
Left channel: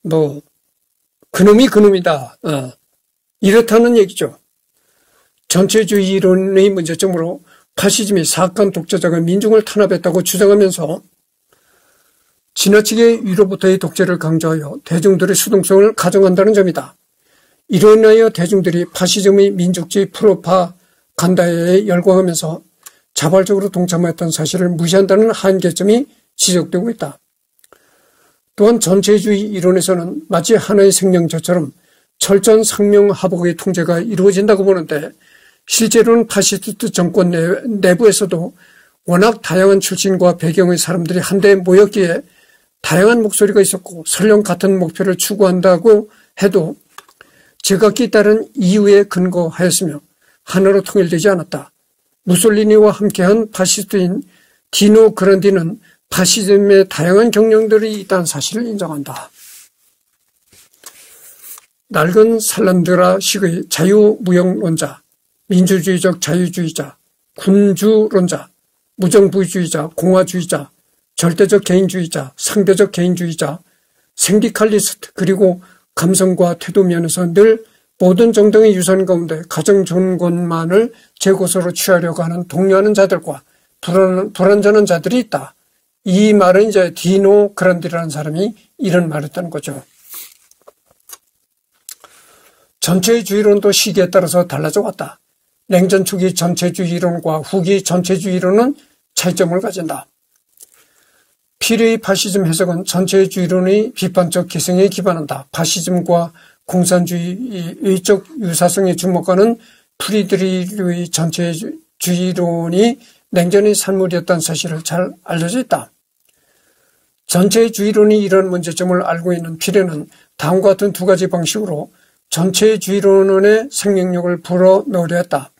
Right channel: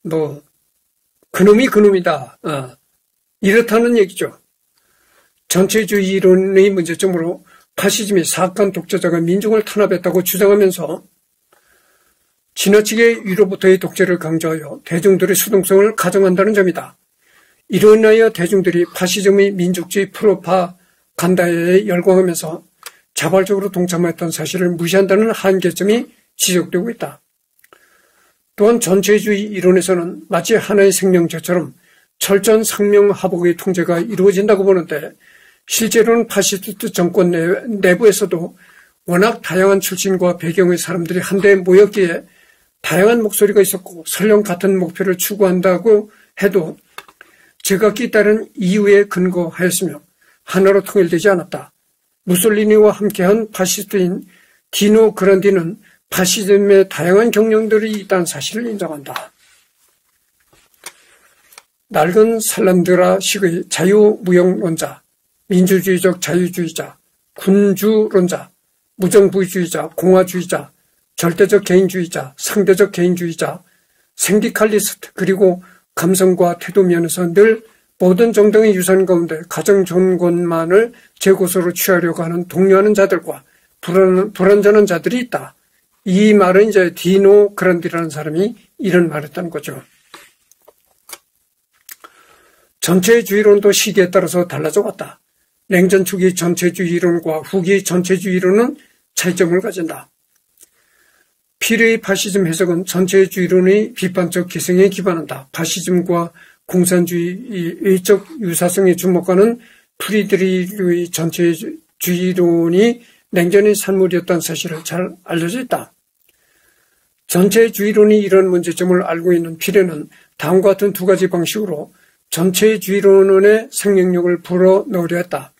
뭐 그놈이 그놈이다 이렇다는 얘기죠. 전체주의 이론의 문제점으로 파시즘이 사악한 독재자가 민중을 탄압했다고 주장하면서 지나치게 위로부터의 독재를 강조하여 대중들의 수동성을 가정한다는 점이다. 이로 인하여 대중들이 파시즘의 민족주의 프로파간다에 열광하면서 자발적으로 동참했던 사실을 무시한다는 한계점이 지적되고 있다. 또한 전체주의 이론에서는 마치 하나의 생명체처럼 철저한 상명하복의 통제가 이루어진다고 보는데 실제로는 파시스트 정권 내부에서도 워낙 다양한 출신과 배경의 사람들이 한데 모였기에 다양한 목소리가 있었고 설령 같은 목표를 추구한다고 해도 제각기 따른 이유에 근거하였으며 하나로 통일되지 않았다. 무솔리니와 함께한 파시스트인 디노 그란디는 파시즘의 다양한 경영들이 있다는 사실을 인정한다. 낡은 살람드라식의 자유무역론자, 민주주의적 자유주의자, 군주론자, 무정부주의자, 공화주의자, 절대적 개인주의자, 상대적 개인주의자, 생디칼리스트 그리고 감성과 태도 면에서 늘 모든 정당의 유산 가운데 가장 좋은 것만을 제고서로 취하려고 하는 독려하는 자들과 불완전한 자들이 있다. 이 말은 이제 디노 그란디라는 사람이 이런 말을 했다는 거죠. 전체주의론도 시기에 따라서 달라져 왔다. 냉전 초기 전체주의론과 후기 전체주의론은 차이점을 가진다. 피레의 파시즘 해석은 전체주의론의 비판적 기성에 기반한다. 파시즘과 공산주의적 유사성에 주목하는 프리드리히의 전체주의론이 냉전의 산물이었다는 사실을 잘 알려져 있다. 전체주의론이 이런 문제점을 알고 있는 피레는 다음과 같은 두 가지 방식으로 전체주의론의 생명력을 불어넣으려 했다.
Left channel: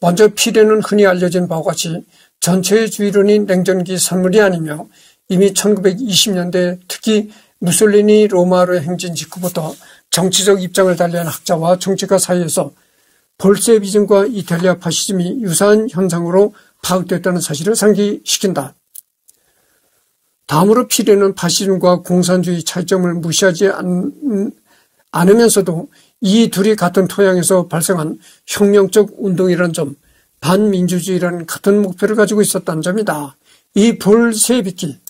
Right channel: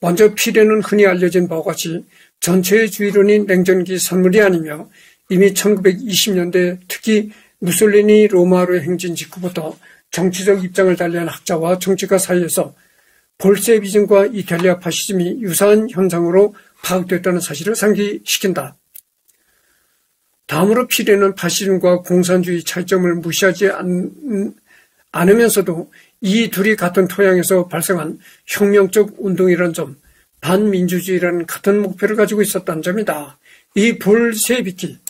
먼저 피레는 흔히 알려진 바와 같이 전체주의론이 냉전기 산물이 아니며 이미 1920년대 특히 무솔리니 로마로의 행진 직후부터 정치적 입장을 달리한 학자와 정치가 사이에서 볼셰비즘과 이탈리아 파시즘이 유사한 현상으로 파악됐다는 사실을 상기시킨다. 다음으로 피레는 파시즘과 공산주의 차이점을 무시하지 않으면서도 이 둘이 같은 토양에서 발생한 혁명적 운동이라는 점, 반민주주의라는 같은 목표를 가지고 있었다는 점이다. 이 볼셰비즘.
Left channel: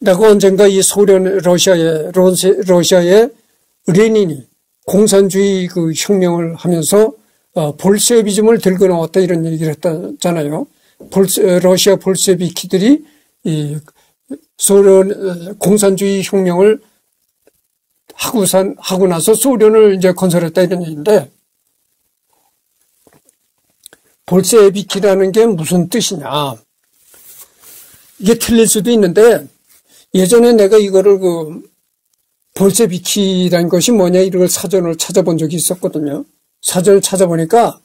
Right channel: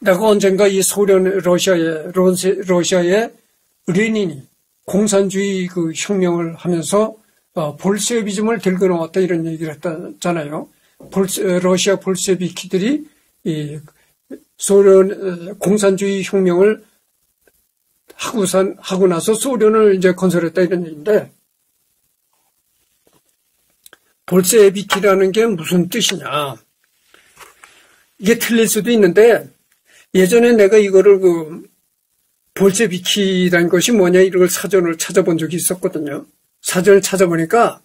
내가 언젠가 이 소련 러시아의 레닌이 공산주의 그 혁명을 하면서 볼셰비즘을 들고 나왔다 이런 얘기를 했잖아요. 러시아 볼셰비키들이 이 소련 공산주의 혁명을 하고 나서 소련을 이제 건설했다 이런 얘기인데, 볼셰비키라는 게 무슨 뜻이냐? 이게 틀릴 수도 있는데 예전에 내가 이거를 볼셰비키라는 것이 뭐냐 이걸 사전을 찾아본 적이 있었거든요. 사전을 찾아보니까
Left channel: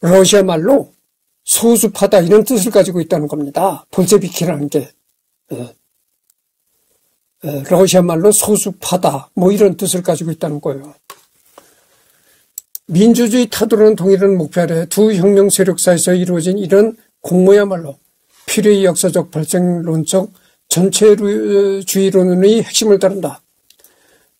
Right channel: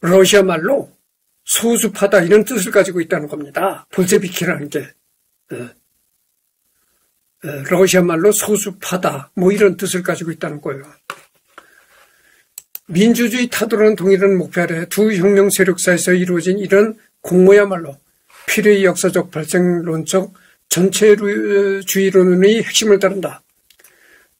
러시아 말로 소수파다 이런 뜻을 가지고 있다는 겁니다. 볼셰비키라는 게. 러시아 말로 소수파다 뭐 이런 뜻을 가지고 있다는 거예요. 민주주의 타도라는 동일한 목표 아래 두 혁명 세력 사이에서 이루어진 이런 공모야말로 피레의 역사적 발생론적 전체주의론의 핵심을 다룬다.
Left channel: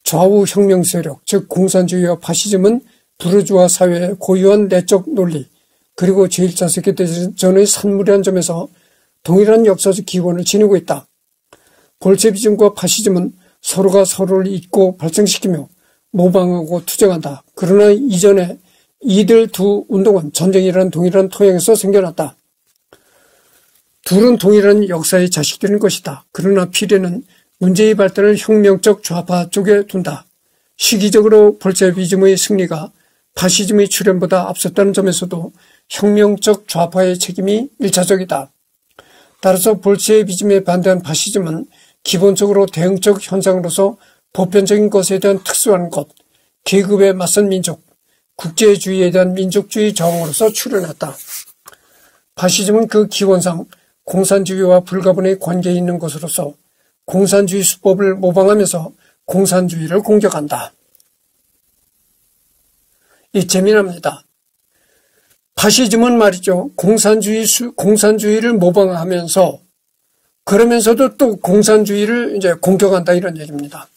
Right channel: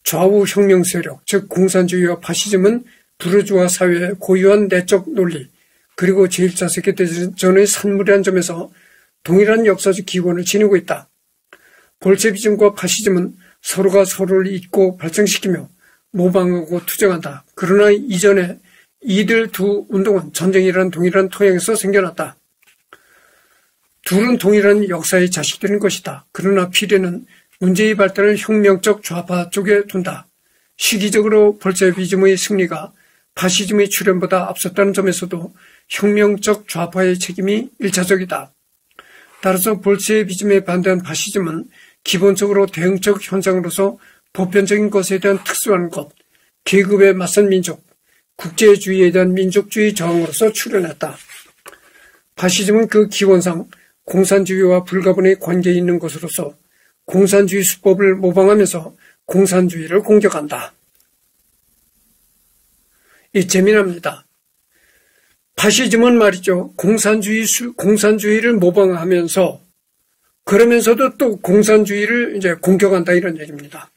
좌우 혁명 세력, 즉 공산주의와 파시즘은 부르주아 사회의 고유한 내적 논리 그리고 제1차 세계대전의 산물이라는 점에서 동일한 역사적 기원을 지니고 있다. 볼셰비즘과 파시즘은 서로가 서로를 잇고 발생시키며 모방하고 투쟁한다. 그러나 이전에 이들 두 운동은 전쟁이라는 동일한 토양에서 생겨났다. 둘은 동일한 역사의 자식들인 것이다. 그러나 피레는 문제의 발달을 혁명적 좌파 쪽에 둔다. 시기적으로 볼셰비즘의 승리가 파시즘의 출현보다 앞섰다는 점에서도 혁명적 좌파의 책임이 1차적이다. 따라서 볼셰비즘에 반대한 파시즘은 기본적으로 대응적 현상으로서 보편적인 것에 대한 특수한 것, 계급에 맞선 민족, 국제주의에 대한 민족주의 저항으로서 출현했다. 파시즘은 그 기원상 공산주의와 불가분의 관계에 있는 것으로서 공산주의 수법을 모방하면서 공산주의를 공격한다. 이 재미납니다. 파시즘은 말이죠. 공산주의를 모방하면서 그러면서도 또 공산주의를 이제 공격한다 이런 얘기입니다.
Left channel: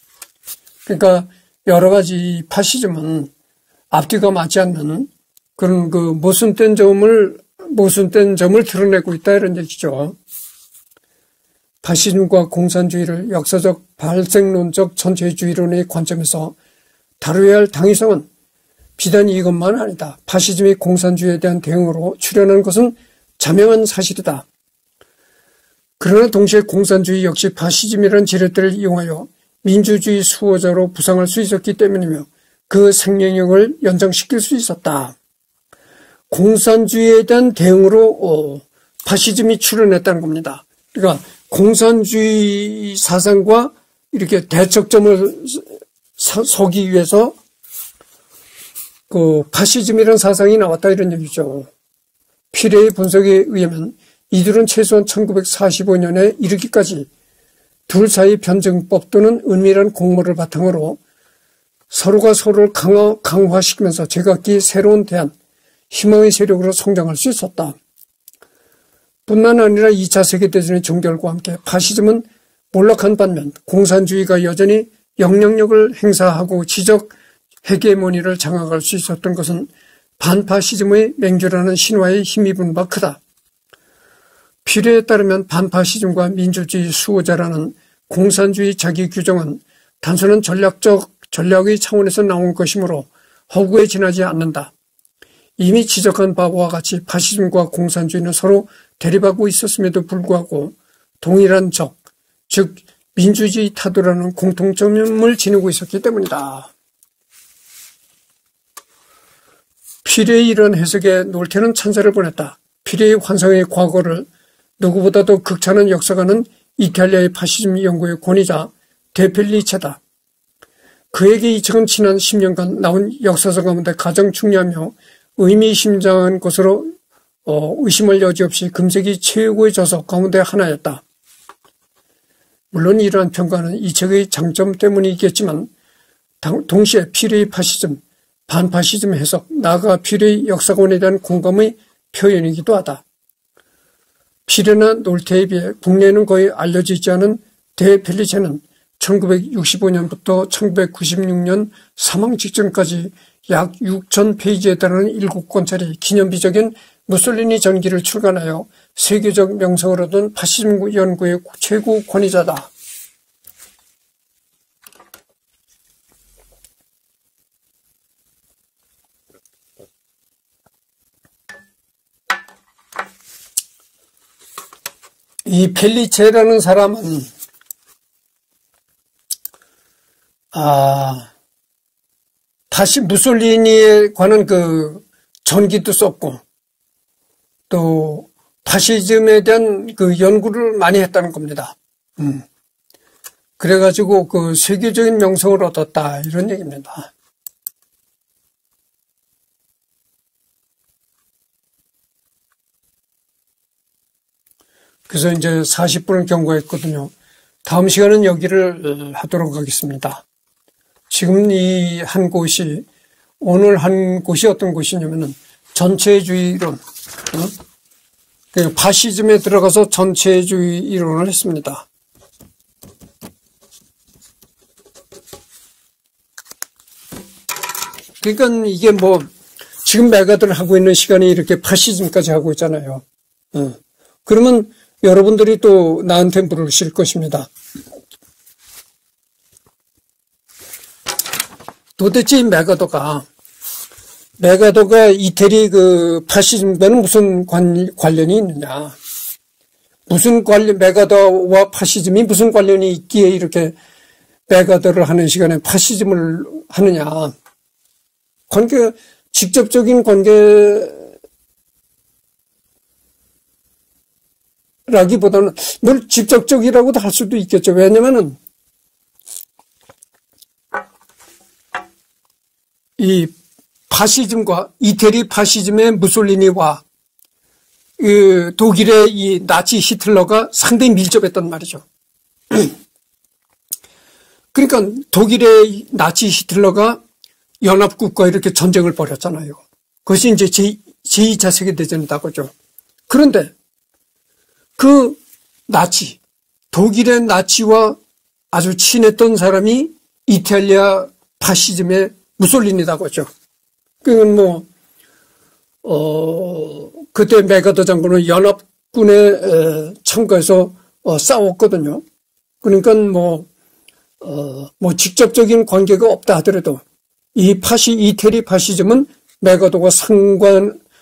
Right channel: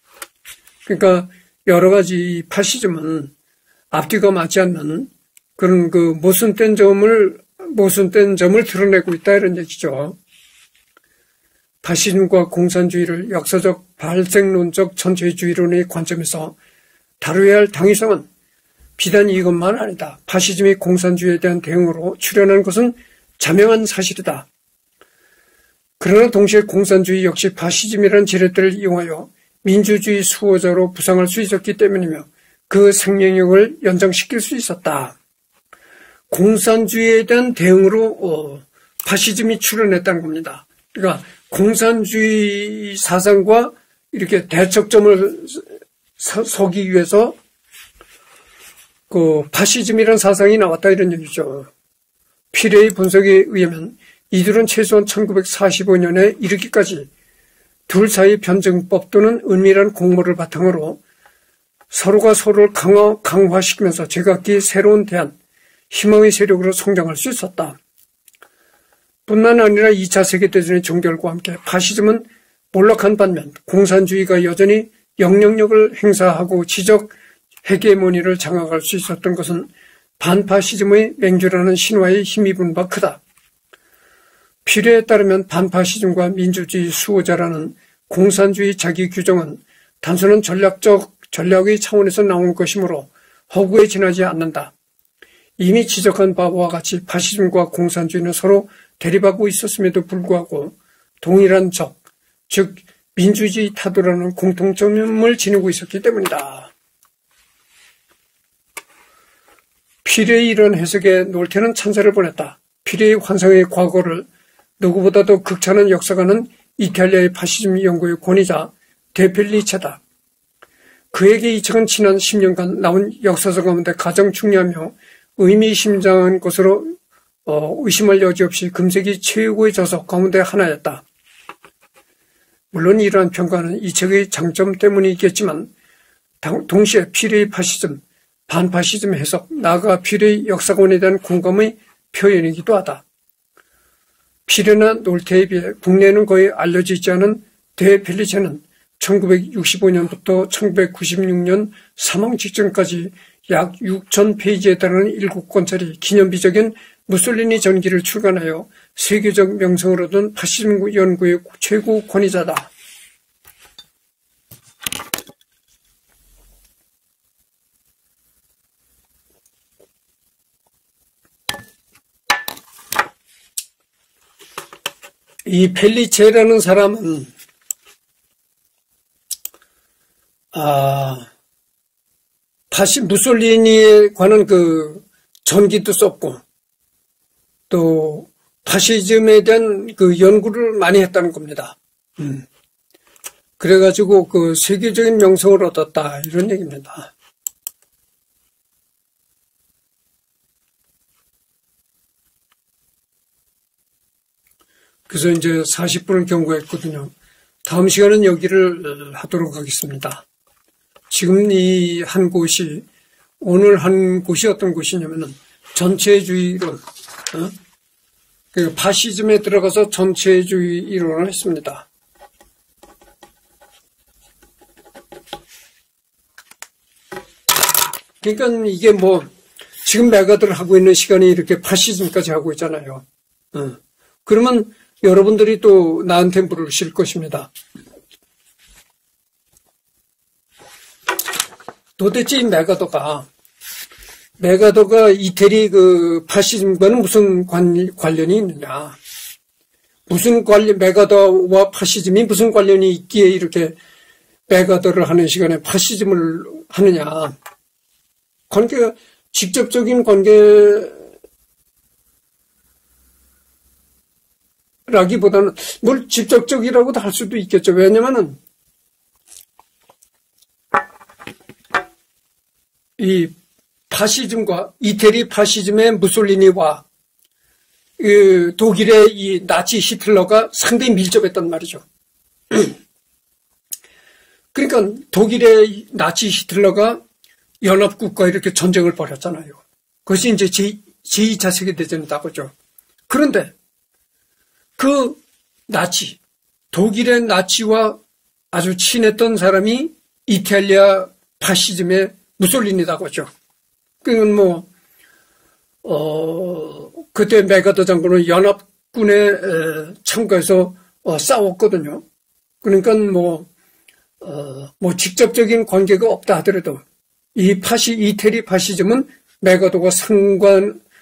그러니까 여러 가지 파시즘은 앞뒤가 맞지 않는 그런 그 모순된 점을 드러내고 있다 이런 얘기죠. 파시즘과 공산주의를 역사적 발생론적 전체주의론의 관점에서 다루어야 할 당위성은 비단 이것만 아니다. 파시즘이 공산주의에 대한 대응으로 출현한 것은 자명한 사실이다. 그러나 동시에 공산주의 역시 파시즘이라는 지렛대를 이용하여 민주주의 수호자로 부상할 수 있었기 때문이며 그 생명력을 연장시킬 수 있었다. 공산주의에 대한 대응으로 파시즘이 출현했다는 겁니다. 그러니까 공산주의 사상과 이렇게 대척점을 서기 위해서 그 파시즘이라는 사상이 나왔다 이런 얘기죠. 피레의 분석에 의하면 이들은 최소한 1945년에 이르기까지 둘 사이 변증법 또는 은밀한 공모를 바탕으로 서로가 서로를 강화시키면서 제각기 새로운 대안, 희망의 세력으로 성장할 수 있었다. 뿐만 아니라 2차 세계대전의 종결과 함께 파시즘은 몰락한 반면 공산주의가 여전히 영향력을 행사하고 지적 헤게모니를 장악할 수 있었던 것은 반파시즘의 맹주라는 신화에 힘입은 바 크다. 필요에 따르면 반파시즘과 민주주의 수호자라는 공산주의 자기 규정은 단순한 전략의 차원에서 나온 것이므로 허구에 지나지 않는다. 이미 지적한 바와 같이 파시즘과 공산주의는 서로 대립하고 있었음에도 불구하고 동일한 적, 즉 민주주의 타도라는 공통점을 지니고 있었기 때문이다. 피레의 이런 해석에 놀테는 찬사를 보냈다. 피레의 환상의 과거를 누구보다도 극찬한 역사가는 이탈리아의 파시즘 연구의 권위자 데펠리체다. 그에게 이 책은 지난 10년간 나온 역사서 가운데 가장 중요하며 의미심장한 것으로 의심할 여지 없이 금세기 최고의 저서 가운데 하나였다. 물론 이러한 평가는 이 책의 장점 때문이겠지만 동시에 피레의 파시즘, 반파시즘 해석, 나아가 피레의 역사관에 대한 공감의 표현이기도 하다. 피레나 놀테에 비해 국내에는 거의 알려지지 않은 데펠리체는 1965년부터 1996년 사망 직전까지 약 6,000페이지에 달하는 7권짜리 기념비적인 무솔리니 전기를 출간하여 세계적 명성을 얻은 파시즘 연구의 최고 권위자다. 이 펠리체라는 사람은 무솔리니에 관한 그 전기도 썼고 또 파시즘에 대한 그 연구를 많이 했다는 겁니다. 그래가지고 그 세계적인 명성을 얻었다 이런 얘기입니다. 그래서 이제 40분을 경과했거든요. 다음 시간은 여기를 하도록 하겠습니다. 지금 이 한 곳이 오늘 한 곳이 어떤 곳이냐면은 전체주의론, 그 파시즘에 들어가서 전체주의 이론을 했습니다. 그러니까 이게 뭐 지금 메가들 하고 있는 시간이 이렇게 파시즘까지 하고 있잖아요. 그러면 여러분들이 또 나한테 물으실 것입니다. 도대체 이 메가더가 이태리 그 파시즘과는 무슨 관련이 있느냐? 무슨 관련, 메가더와 파시즘이 무슨 관련이 있기에 이렇게 메가더를 하는 시간에 파시즘을 하느냐? 직접적인 관계, 라기보다는 늘 직접적이라고도 할 수도 있겠죠. 왜냐면은 이 파시즘과 이태리 파시즘의 무솔리니와 독일의 이 나치 히틀러가 상당히 밀접했단 말이죠. 그러니까 독일의 나치 히틀러가 연합국과 이렇게 전쟁을 벌였잖아요. 그것이 이제 제2차 세계대전이다고죠. 그런데 그 나치, 독일의 나치와 아주 친했던 사람이 이탈리아 파시즘의 무솔리니다고죠. 그건 그때 메가더 장군은 연합군에 참가해서 싸웠거든요. 그러니까 직접적인 관계가 없다 하더라도 이태리 파시즘은 메가더가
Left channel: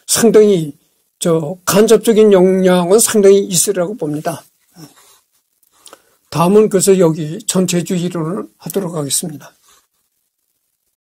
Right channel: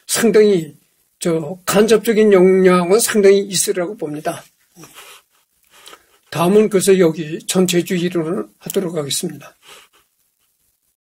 상당히 간접적인 영향은 상당히 있으라고 봅니다. 다음은 그래서 여기 전체주의 이론을 하도록 하겠습니다.